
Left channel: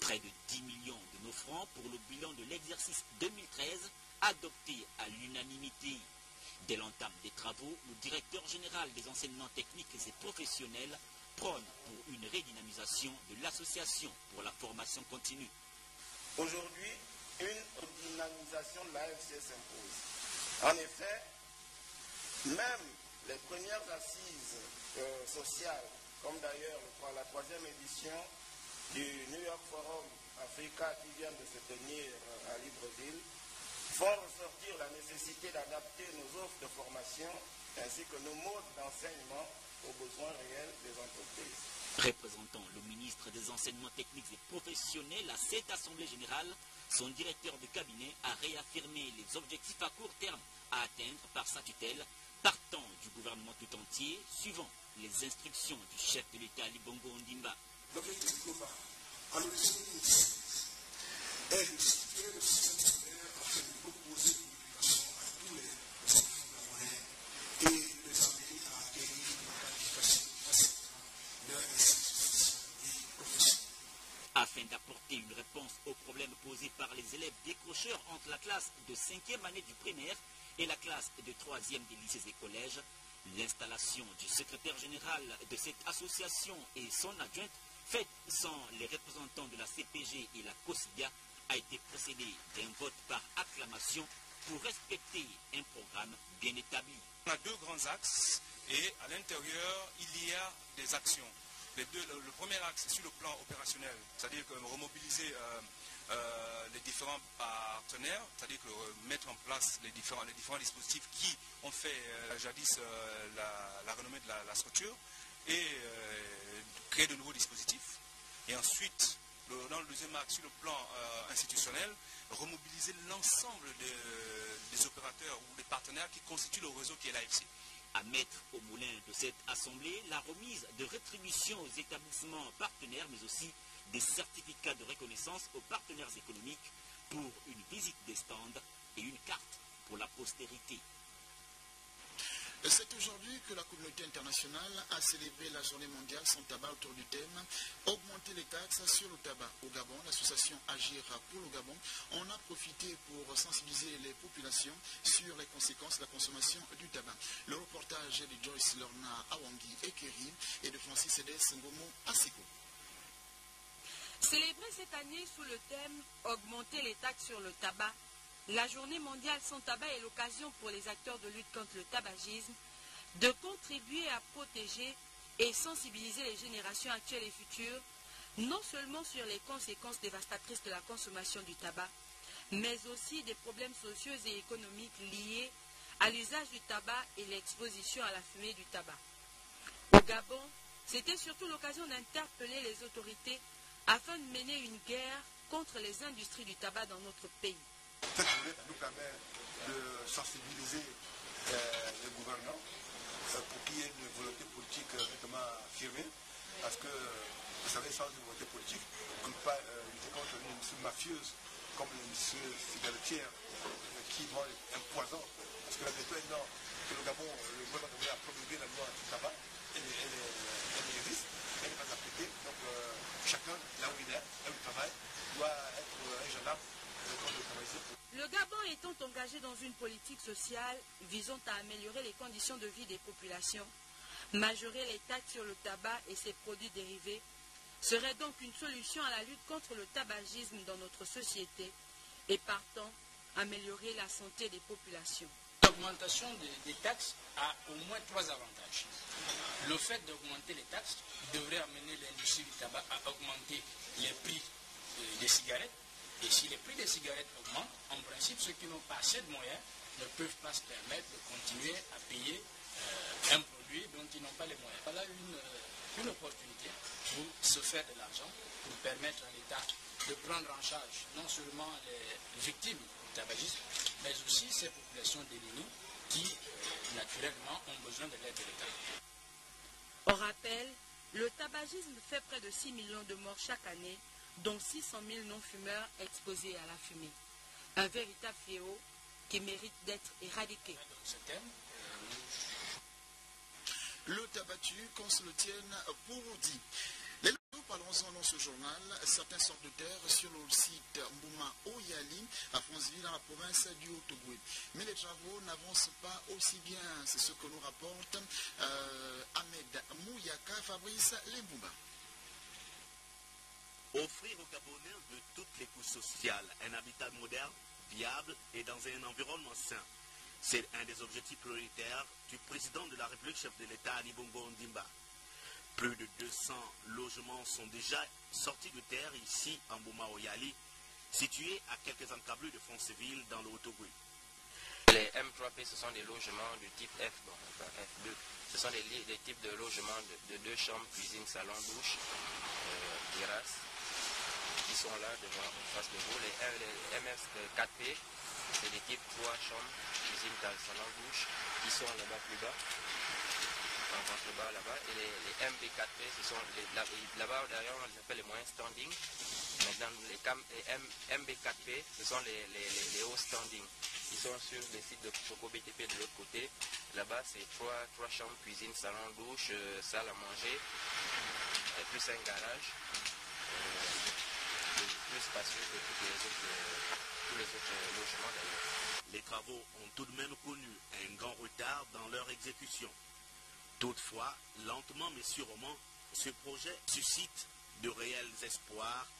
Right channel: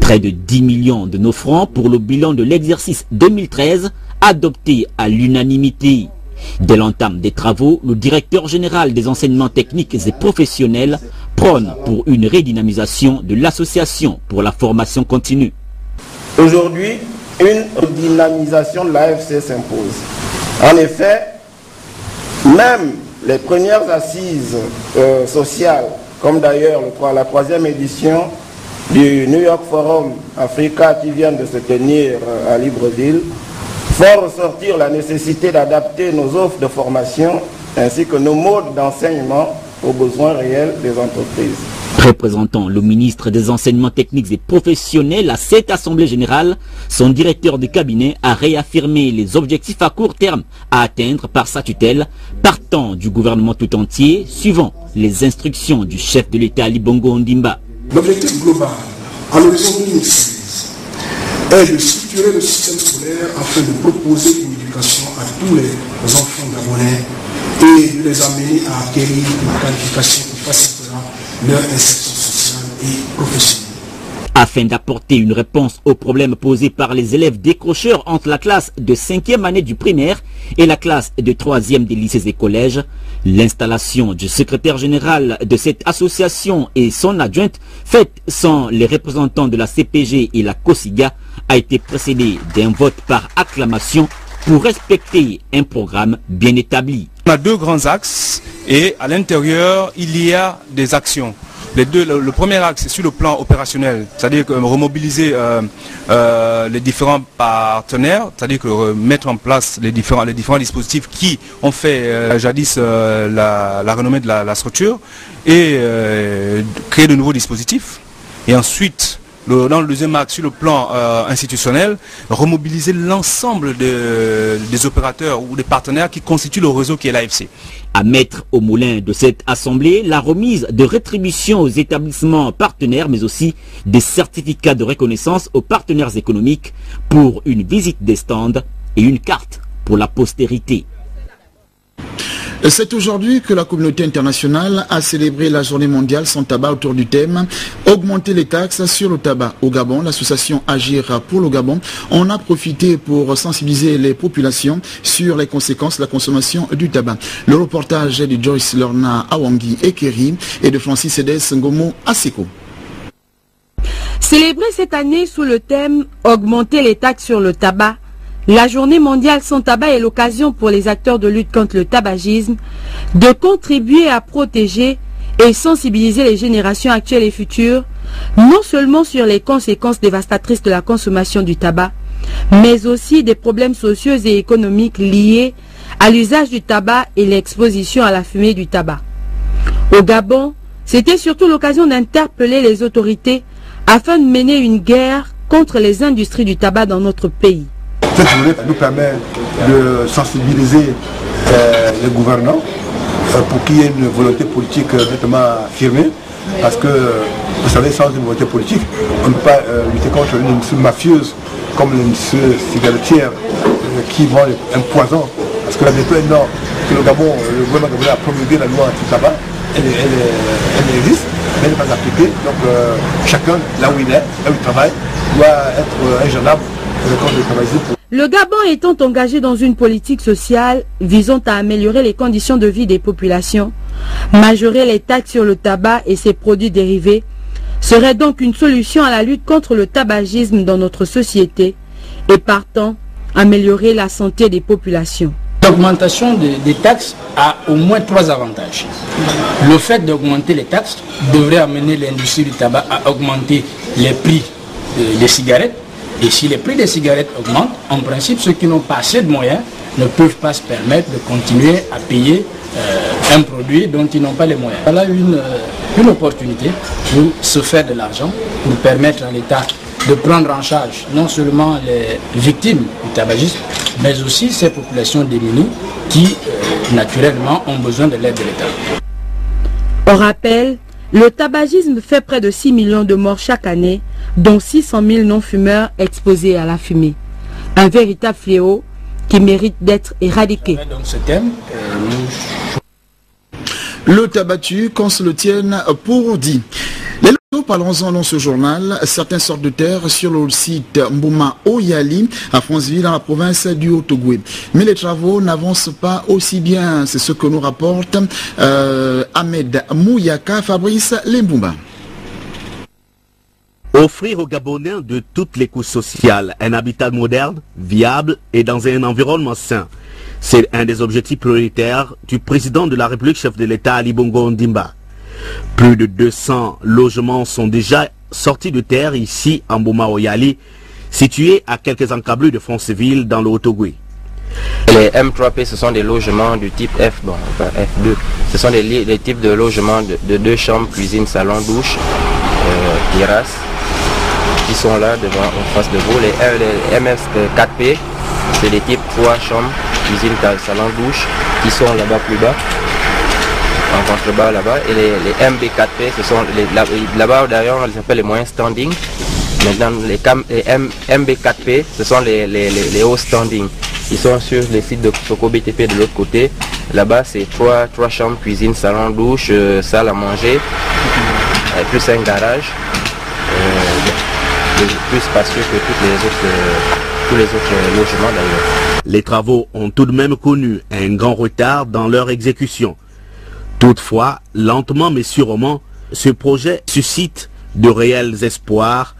Près de 10 millions de nos francs pour le bilan de l'exercice 2013 adopté à l'unanimité. Dès l'entame des travaux, le directeur général des enseignements techniques et professionnels prône pour une redynamisation de l'association pour la formation continue. Aujourd'hui, une redynamisation de l'AFC s'impose. En effet, même les premières assises sociales, comme d'ailleurs la 3e édition du New York Forum Africa qui vient de se tenir à Libreville, font ressortir la nécessité d'adapter nos offres de formation ainsi que nos modes d'enseignement aux besoins réels des entreprises. Représentant le ministre des enseignements techniques et professionnels à cette Assemblée générale, son directeur de cabinet a réaffirmé les objectifs à court terme à atteindre par sa tutelle, partant du gouvernement tout entier, suivant les instructions du chef de l'État Ali Bongo Ondimba. L'objectif global à l'horizon 2016 est de structurer le système scolaire afin de proposer une éducation à tous les enfants gabonais et de les amener à acquérir une qualification qui facilitera leur insertion sociale et professionnelle. Afin d'apporter une réponse aux problèmes posés par les élèves décrocheurs entre la classe de 5e année du primaire et la classe de 3e des lycées et collèges, l'installation du secrétaire général de cette association et son adjointe, faite sans les représentants de la CPG et la COSIGA, a été précédée d'un vote par acclamation pour respecter un programme bien établi. On a deux grands axes et à l'intérieur, il y a des actions. Le premier axe, c'est sur le plan opérationnel, c'est-à-dire remobiliser les différents partenaires, c'est-à-dire mettre en place les différents dispositifs qui ont fait jadis la renommée de la structure et créer de nouveaux dispositifs. Et ensuite, dans le deuxième axe, sur le plan institutionnel, remobiliser l'ensemble des opérateurs ou des partenaires qui constituent le réseau qui est l'AFC. À mettre au moulin de cette assemblée la remise de rétributions aux établissements partenaires, mais aussi des certificats de reconnaissance aux partenaires économiques pour une visite des stands et une carte pour la postérité. C'est aujourd'hui que la communauté internationale a célébré la journée mondiale sans tabac autour du thème « Augmenter les taxes sur le tabac ». Au Gabon, l'association Agir pour le Gabon en a profité pour sensibiliser les populations sur les conséquences de la consommation du tabac. Le reportage est de Joyce Lorna Awangi Ekeri et de Francis Edes Ngomo Aseko. Célébré cette année sous le thème « Augmenter les taxes sur le tabac », la journée mondiale sans tabac est l'occasion pour les acteurs de lutte contre le tabagisme de contribuer à protéger et sensibiliser les générations actuelles et futures, non seulement sur les conséquences dévastatrices de la consommation du tabac, mais aussi des problèmes sociaux et économiques liés à l'usage du tabac et l'exposition à la fumée du tabac. Au Gabon, c'était surtout l'occasion d'interpeller les autorités afin de mener une guerre contre les industries du tabac dans notre pays. Cette journée nous permet de sensibiliser les gouvernants pour qu'il y ait une volonté politique nettement affirmée. Parce que, vous savez, sans une volonté politique, on ne peut pas lutter contre une industrie mafieuse comme l'industrie cigarettière qui vend un poison. Parce que la vérité est non, que le Gabon, le gouvernement gabonais a promulgué la loi anti-tabac, elle existe, mais elle n'est pas appliquée. Donc chacun, là où il est, là où il travaille, doit être ingéniable contre le tabagisme. Le Gabon étant engagé dans une politique sociale visant à améliorer les conditions de vie des populations, Majorer les taxes sur le tabac et ses produits dérivés serait donc une solution à la lutte contre le tabagisme dans notre société et partant améliorer la santé des populations. L'augmentation des taxes a au moins 3 avantages. Le fait d'augmenter les taxes devrait amener l'industrie du tabac à augmenter les prix des cigarettes. Et si les prix des cigarettes augmentent, en principe, ceux qui n'ont pas assez de moyens ne peuvent pas se permettre de continuer à payer un produit dont ils n'ont pas les moyens. Voilà une opportunité pour se faire de l'argent, pour permettre à l'État de prendre en charge non seulement les victimes du tabagisme, mais aussi ces populations démunies qui, naturellement, ont besoin de l'aide de l'État. On rappelle, le tabagisme fait près de 6 millions de morts chaque année, dont 600 000 non-fumeurs exposés à la fumée. Un véritable fléau qui mérite d'être éradiqué. Donc ce thème, le tabattu, qu'on se le tienne pour dit. Les locaux, parlons-en dans ce journal, certaines sortes de terres sur le site Mbouma Oyali, à Franceville, dans la province du Haut-Ogooué. Mais les travaux n'avancent pas aussi bien, c'est ce que nous rapporte Ahmed Mouyaka, Fabrice Lembumba. Offrir aux Gabonais de toutes les couches sociales un habitat moderne, viable et dans un environnement sain. C'est un des objectifs prioritaires du président de la République, chef de l'État, Ali Bongo Ondimba. Plus de 200 logements sont déjà sortis de terre ici en Mbouma Oyali, situé à quelques encablures de Franceville dans le Haut-Ogooué. Les M3P, ce sont des logements du type F, bon, enfin F2. Ce sont des types de logements de 2 chambres, cuisine, salon, douche, terrasse, qui sont là devant en face de vous. Les MS4P, c'est des types 3 chambres, cuisine, salon, douche, qui sont là-bas plus bas, en contrebas là-bas. Et les MB4P, ce sont là-bas derrière, on les appelle les moyens standing. Maintenant, les MB4P, ce sont les hauts standing. Ils sont sur les sites de Soko BTP de l'autre côté. Là-bas, c'est 3 chambres, cuisine, salon, douche, salle à manger, plus un garage. Plus spacieux que tous les autres logements d'ailleurs. Les travaux ont tout de même connu un grand retard dans leur exécution. Toutefois, lentement mais sûrement, ce projet suscite de réels espoirs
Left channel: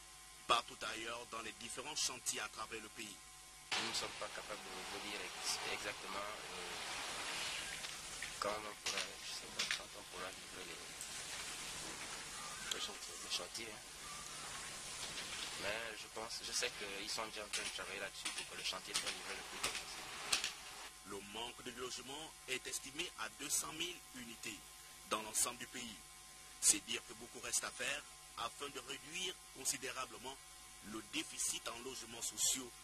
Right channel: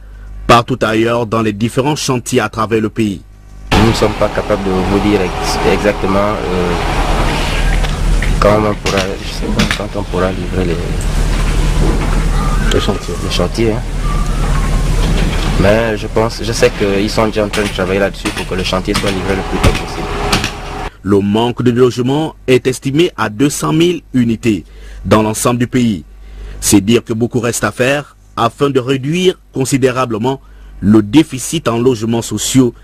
partout ailleurs dans les différents chantiers à travers le pays. Nous ne sommes pas capables de vous dire exactement quand on pourra livrer les chantiers. Hein. Mais je sais qu'ils sont déjà en train de travailler là-dessus pour que le chantier soit livré le plus tôt possible. Le manque de logement est estimé à 200 000 unités dans l'ensemble du pays. C'est dire que beaucoup reste à faire afin de réduire considérablement le déficit en logements sociaux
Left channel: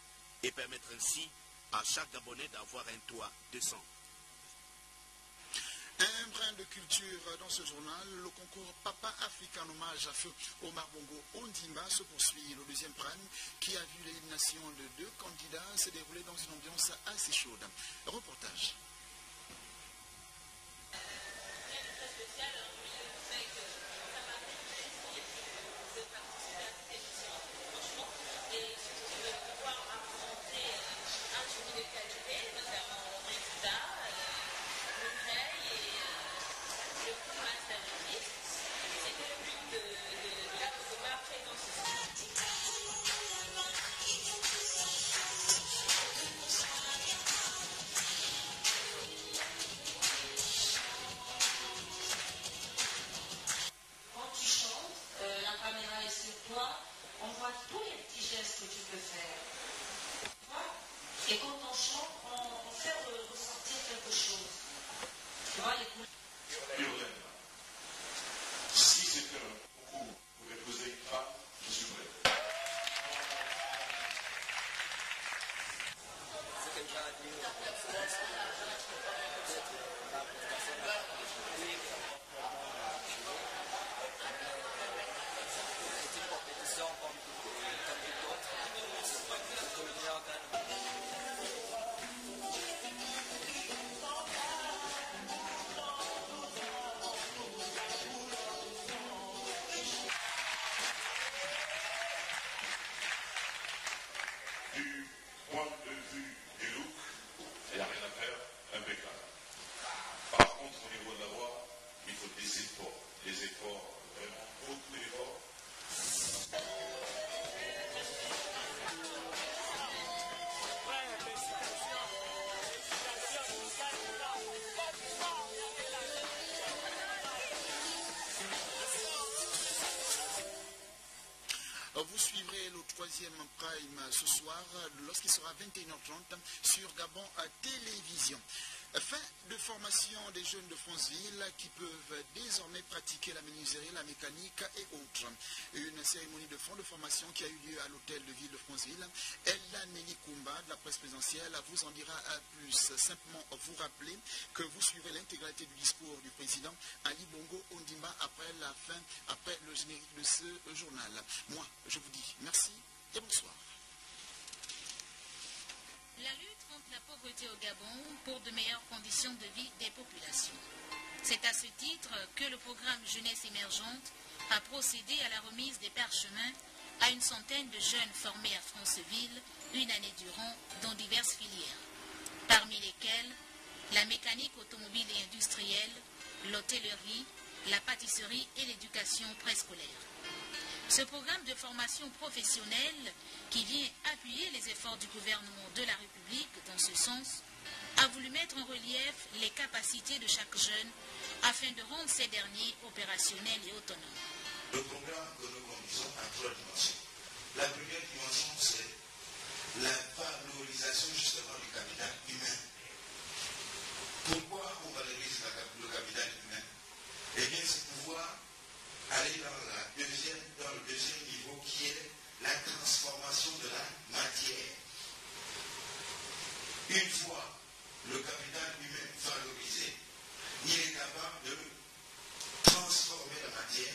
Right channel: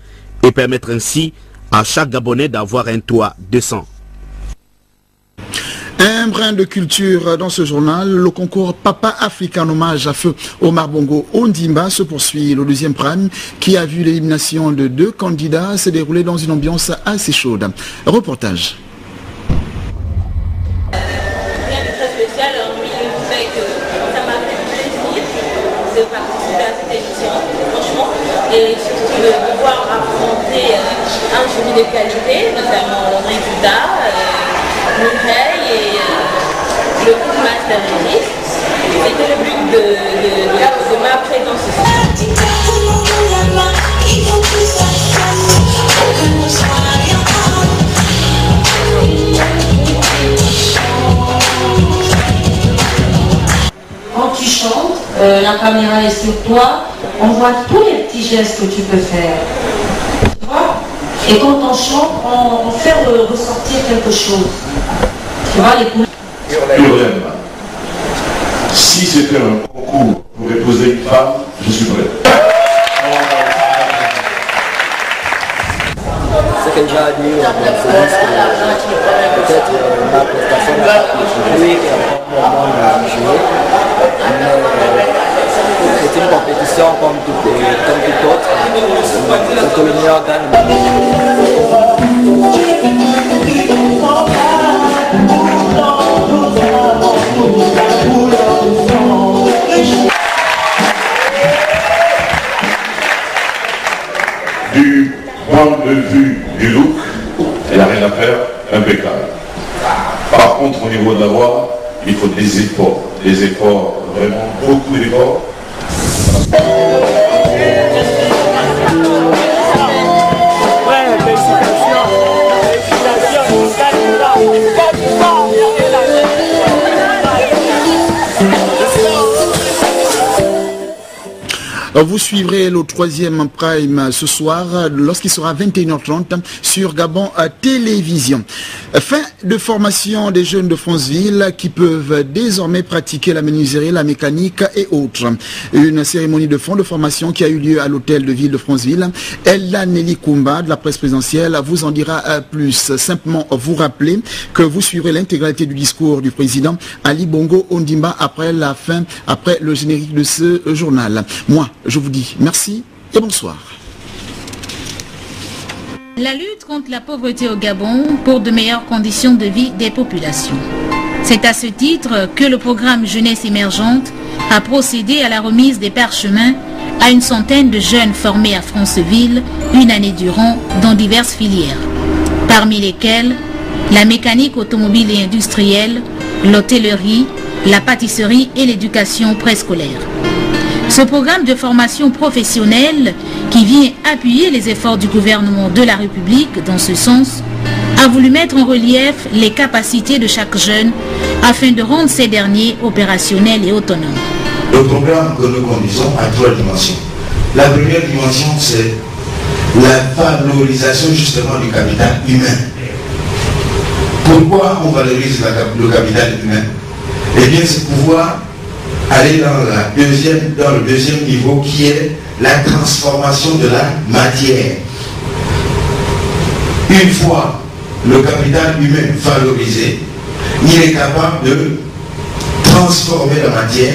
et permettre ainsi à chaque Gabonais d'avoir un toit décent. Un brin de culture dans ce journal, le concours Papa Africa en hommage à feu Omar Bongo Ondimba se poursuit. Le 2e prime qui a vu l'élimination de 2 candidats s'est déroulé dans une ambiance assez chaude. Reportage. Rien de très spécial, hormis le fait que ça m'a fait plaisir de participer à cette émission, franchement, et surtout de pouvoir affronter un jury de qualité, notamment Rita, Mireille et le groupe Master Regis. C'était le but de ma présence ici. Quand tu chantes, la caméra est sur toi, on voit tous les petits gestes que tu peux faire. Tu vois? Et quand on chante, on fait ressortir quelque chose. Tu vois, les couleurs. Si c'était un concours pour épouser une femme, je suis prêt. Ce que j'ai admis, peut-être ma prestation n'a pas pu jouer et encore moment de jouer. Mais c'est une compétition comme toute autre. C'est que le meilleur gagne. Du point de vue du look, il n'y a rien à faire, impeccable. Par contre, au niveau de la voix, il faut des efforts, vraiment beaucoup d'efforts. Vous suivrez le 3e prime ce soir lorsqu'il sera 21h30 sur Gabon Télévision. Fin de formation des jeunes de Franceville qui peuvent désormais pratiquer la menuiserie, la mécanique et autres. Une cérémonie de fin de formation qui a eu lieu à l'hôtel de ville de Franceville. Ella Nelly Koumba de la presse présidentielle vous en dira plus. Simplement vous rappeler que vous suivrez l'intégralité du discours du président Ali Bongo Ondimba après le générique de ce journal. Moi, je vous dis merci et bonsoir. La lutte contre la pauvreté au Gabon pour de meilleures conditions de vie des populations. C'est à ce titre que le programme Jeunesse émergente a procédé à la remise des parchemins à une centaine de jeunes formés à Franceville une année durant dans diverses filières, parmi lesquelles la mécanique automobile et industrielle, l'hôtellerie, la pâtisserie et l'éducation préscolaire. Ce programme de formation professionnelle, qui vient appuyer les efforts du gouvernement de la République dans ce sens, a voulu mettre en relief les capacités de chaque jeune afin de rendre ces derniers opérationnels et autonomes. Le programme que nous conduisons a 3 dimensions. La première dimension, c'est la valorisation justement du capital humain. Pourquoi on valorise le capital humain? Eh bien, c'est pouvoir aller dans le deuxième niveau qui est la transformation de la matière. Une fois le capital humain valorisé, il est capable de transformer la matière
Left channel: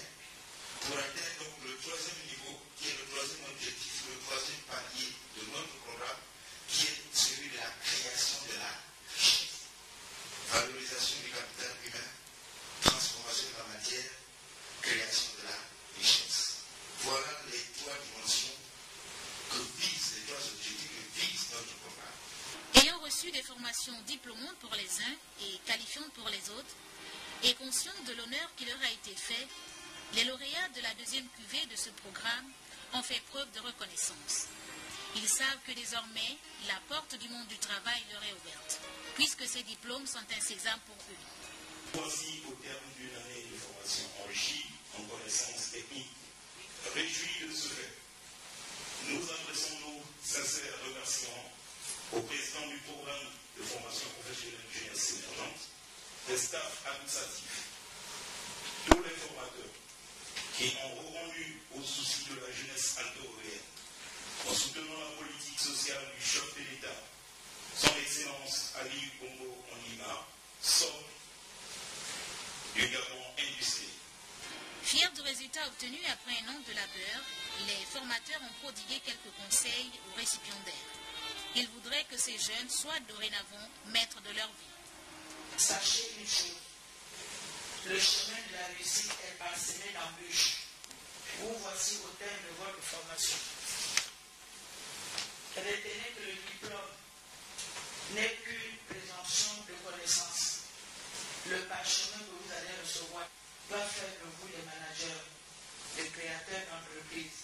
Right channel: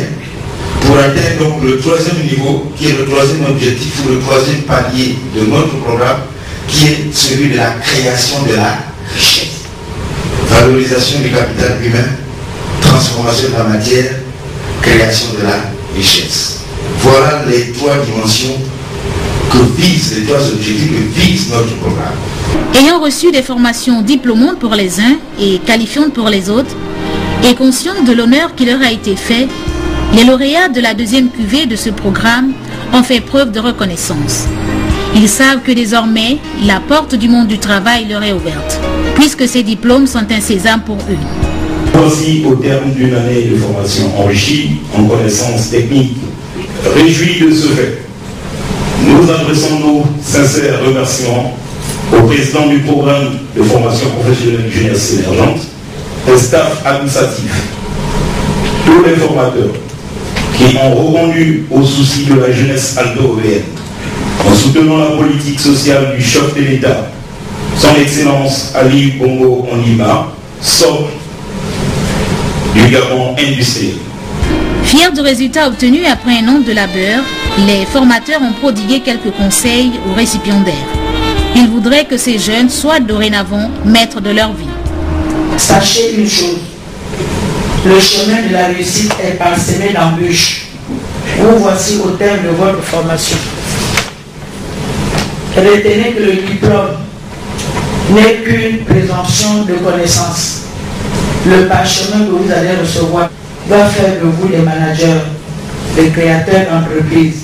pour atteindre donc le 3e niveau qui est le 3e objectif ou le 3e palier de notre programme qui est celui de la création de la richesse. Valorisation du capital humain, transformation de la matière, création de la richesse. Voilà les 3 dimensions que visent, les 3 objectifs que vise notre programme. Ayant reçu des formations diplômantes pour les uns et qualifiantes pour les autres, et conscients de l'honneur qui leur a été fait, les lauréats de la 2e cuvée de ce programme ont fait preuve de reconnaissance. Ils savent que désormais, la porte du monde du travail leur est ouverte, puisque ces diplômes sont un sésame pour eux. Voici au terme d'une année de formation enrichie en connaissances techniques. Réjouis de ce fait, nous adressons nos sincères remerciements au président du programme de formation professionnelle jeunesse émergente, au staff administratif, tous les formateurs qui ont répondu aux soucis de la jeunesse aldo-européenne en soutenant la politique sociale du chef de l'État, son Excellence Ali Bongo Ondimba, socle du Gabon industriel. Fiers du résultat obtenu après un an de labeur, les formateurs ont prodigué quelques conseils aux récipiendaires. Ils voudraient que ces jeunes soient dorénavant maîtres de leur vie. Sachez une chose, le chemin de la réussite est parsemé d'embûches. Vous voici au terme de votre formation. Retenez que le diplôme n'est qu'une présomption de connaissance. Le parchemin que vous allez recevoir doit faire de vous des managers, des créateurs d'entreprises.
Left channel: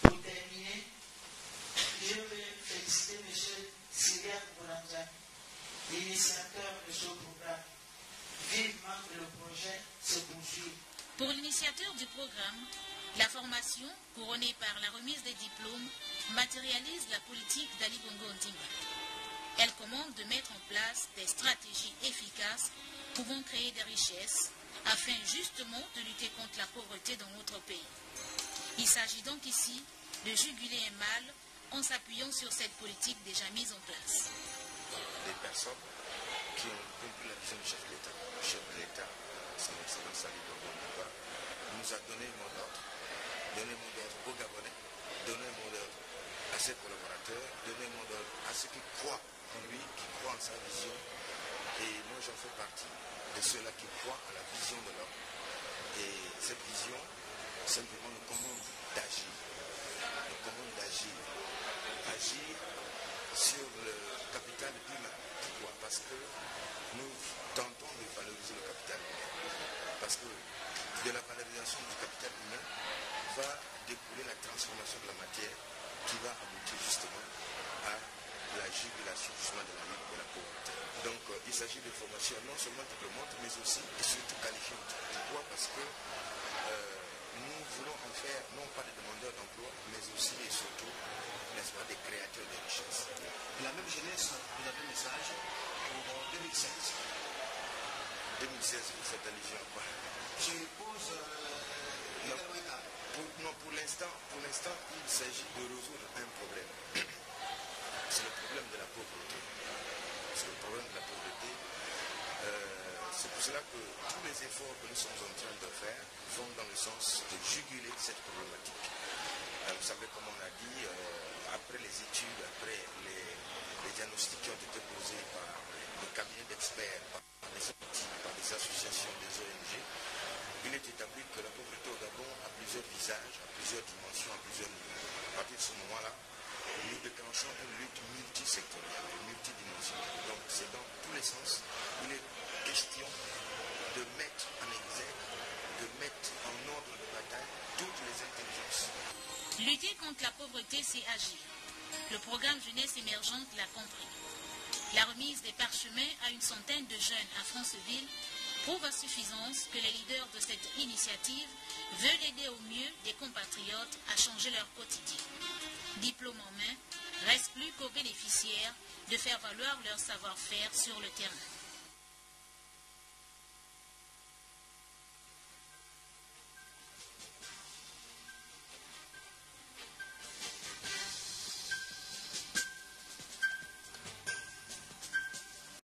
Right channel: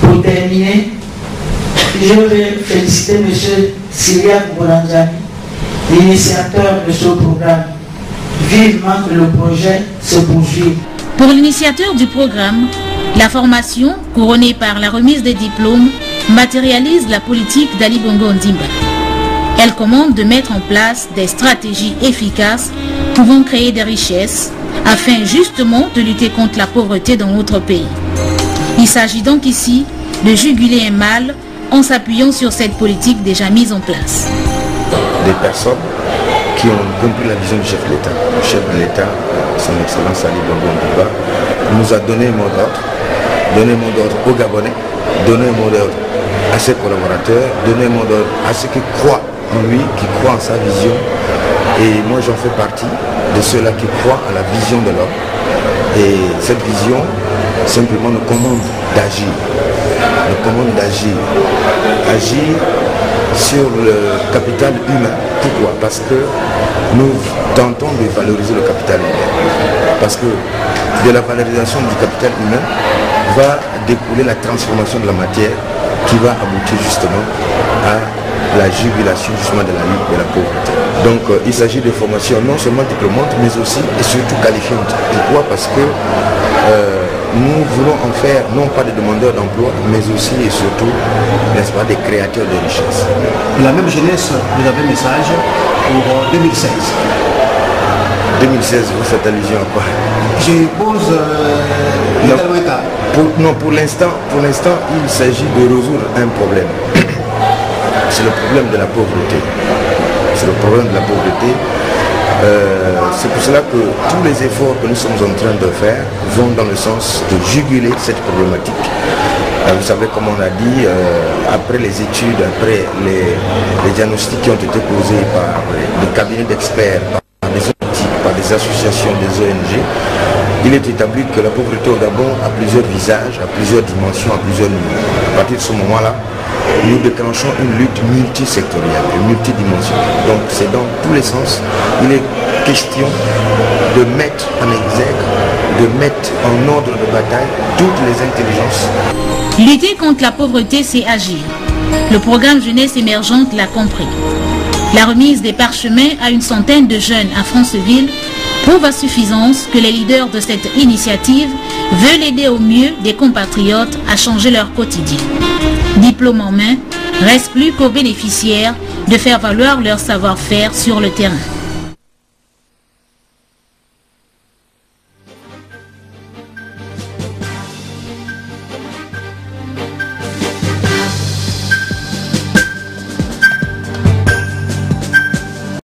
Pour terminer, je vais féliciter M. Syriac Boulanjani, l'initiateur de ce programme. Vivement que le projet se poursuive. Pour l'initiateur du programme, la formation, couronnée par la remise des diplômes, matérialise la politique d'Ali Bongo Ondimba. Elle commande de mettre en place des stratégies efficaces pouvant créer des richesses afin justement de lutter contre la pauvreté dans notre pays. Il s'agit donc ici de juguler un mal en s'appuyant sur cette politique déjà mise en place. Des personnes qui ont compris la vision du chef de l'État. Le chef de l'État, son Excellence Ali Bongo Ondimba, nous a donné un mot d'ordre aux Gabonais, donné un mot d'ordre à ses collaborateurs, donné un mot d'ordre à ceux qui croient en lui, qui croient en sa vision. Et moi j'en fais partie de ceux-là qui croient à la vision de l'homme. Et cette vision simplement nous commande d'agir. Nous commande d'agir. Agir sur le capital humain. Pourquoi? Parce que nous tentons de valoriser le capital humain. Parce que de la valorisation du capital humain va découler la transformation de la matière qui va aboutir justement à la jugulation justement de la lutte de la pauvreté. Donc il s'agit de formations non seulement diplômantes mais aussi et surtout qualifiantes. Pourquoi? Parce que nous voulons en faire non pas des demandeurs d'emploi mais aussi et surtout, n'est-ce pas, des créateurs de richesses. La même jeunesse, vous avez un message pour 2016. 2016, vous faites allusion à quoi? Je pose pour l'instant, il s'agit de résoudre un problème. C'est le problème de la pauvreté. C'est le problème de la pauvreté. C'est pour cela que tous les efforts que nous sommes en train de faire vont dans le sens de juguler cette problématique. Vous savez, comme on a dit, après les études, après les diagnostics qui ont été posés par des cabinets d'experts, par des outils, par des associations, des ONG, il est établi que la pauvreté au Gabon a plusieurs visages, a plusieurs dimensions, a plusieurs niveaux. À partir de ce moment-là, nous déclenchons une lutte multisectorielle, multidimensionnelle. Donc c'est dans tous les sens, il est question de mettre en exergue, de mettre en ordre de bataille toutes les intelligences. Lutter contre la pauvreté, c'est agir. Le programme Jeunesse émergente l'a compris. La remise des parchemins à une centaine de jeunes à Franceville prouve à suffisance que les leaders de cette initiative veulent aider au mieux des compatriotes à changer leur quotidien. Diplôme en main, reste plus qu'aux bénéficiaires de faire valoir leur savoir-faire sur le terrain.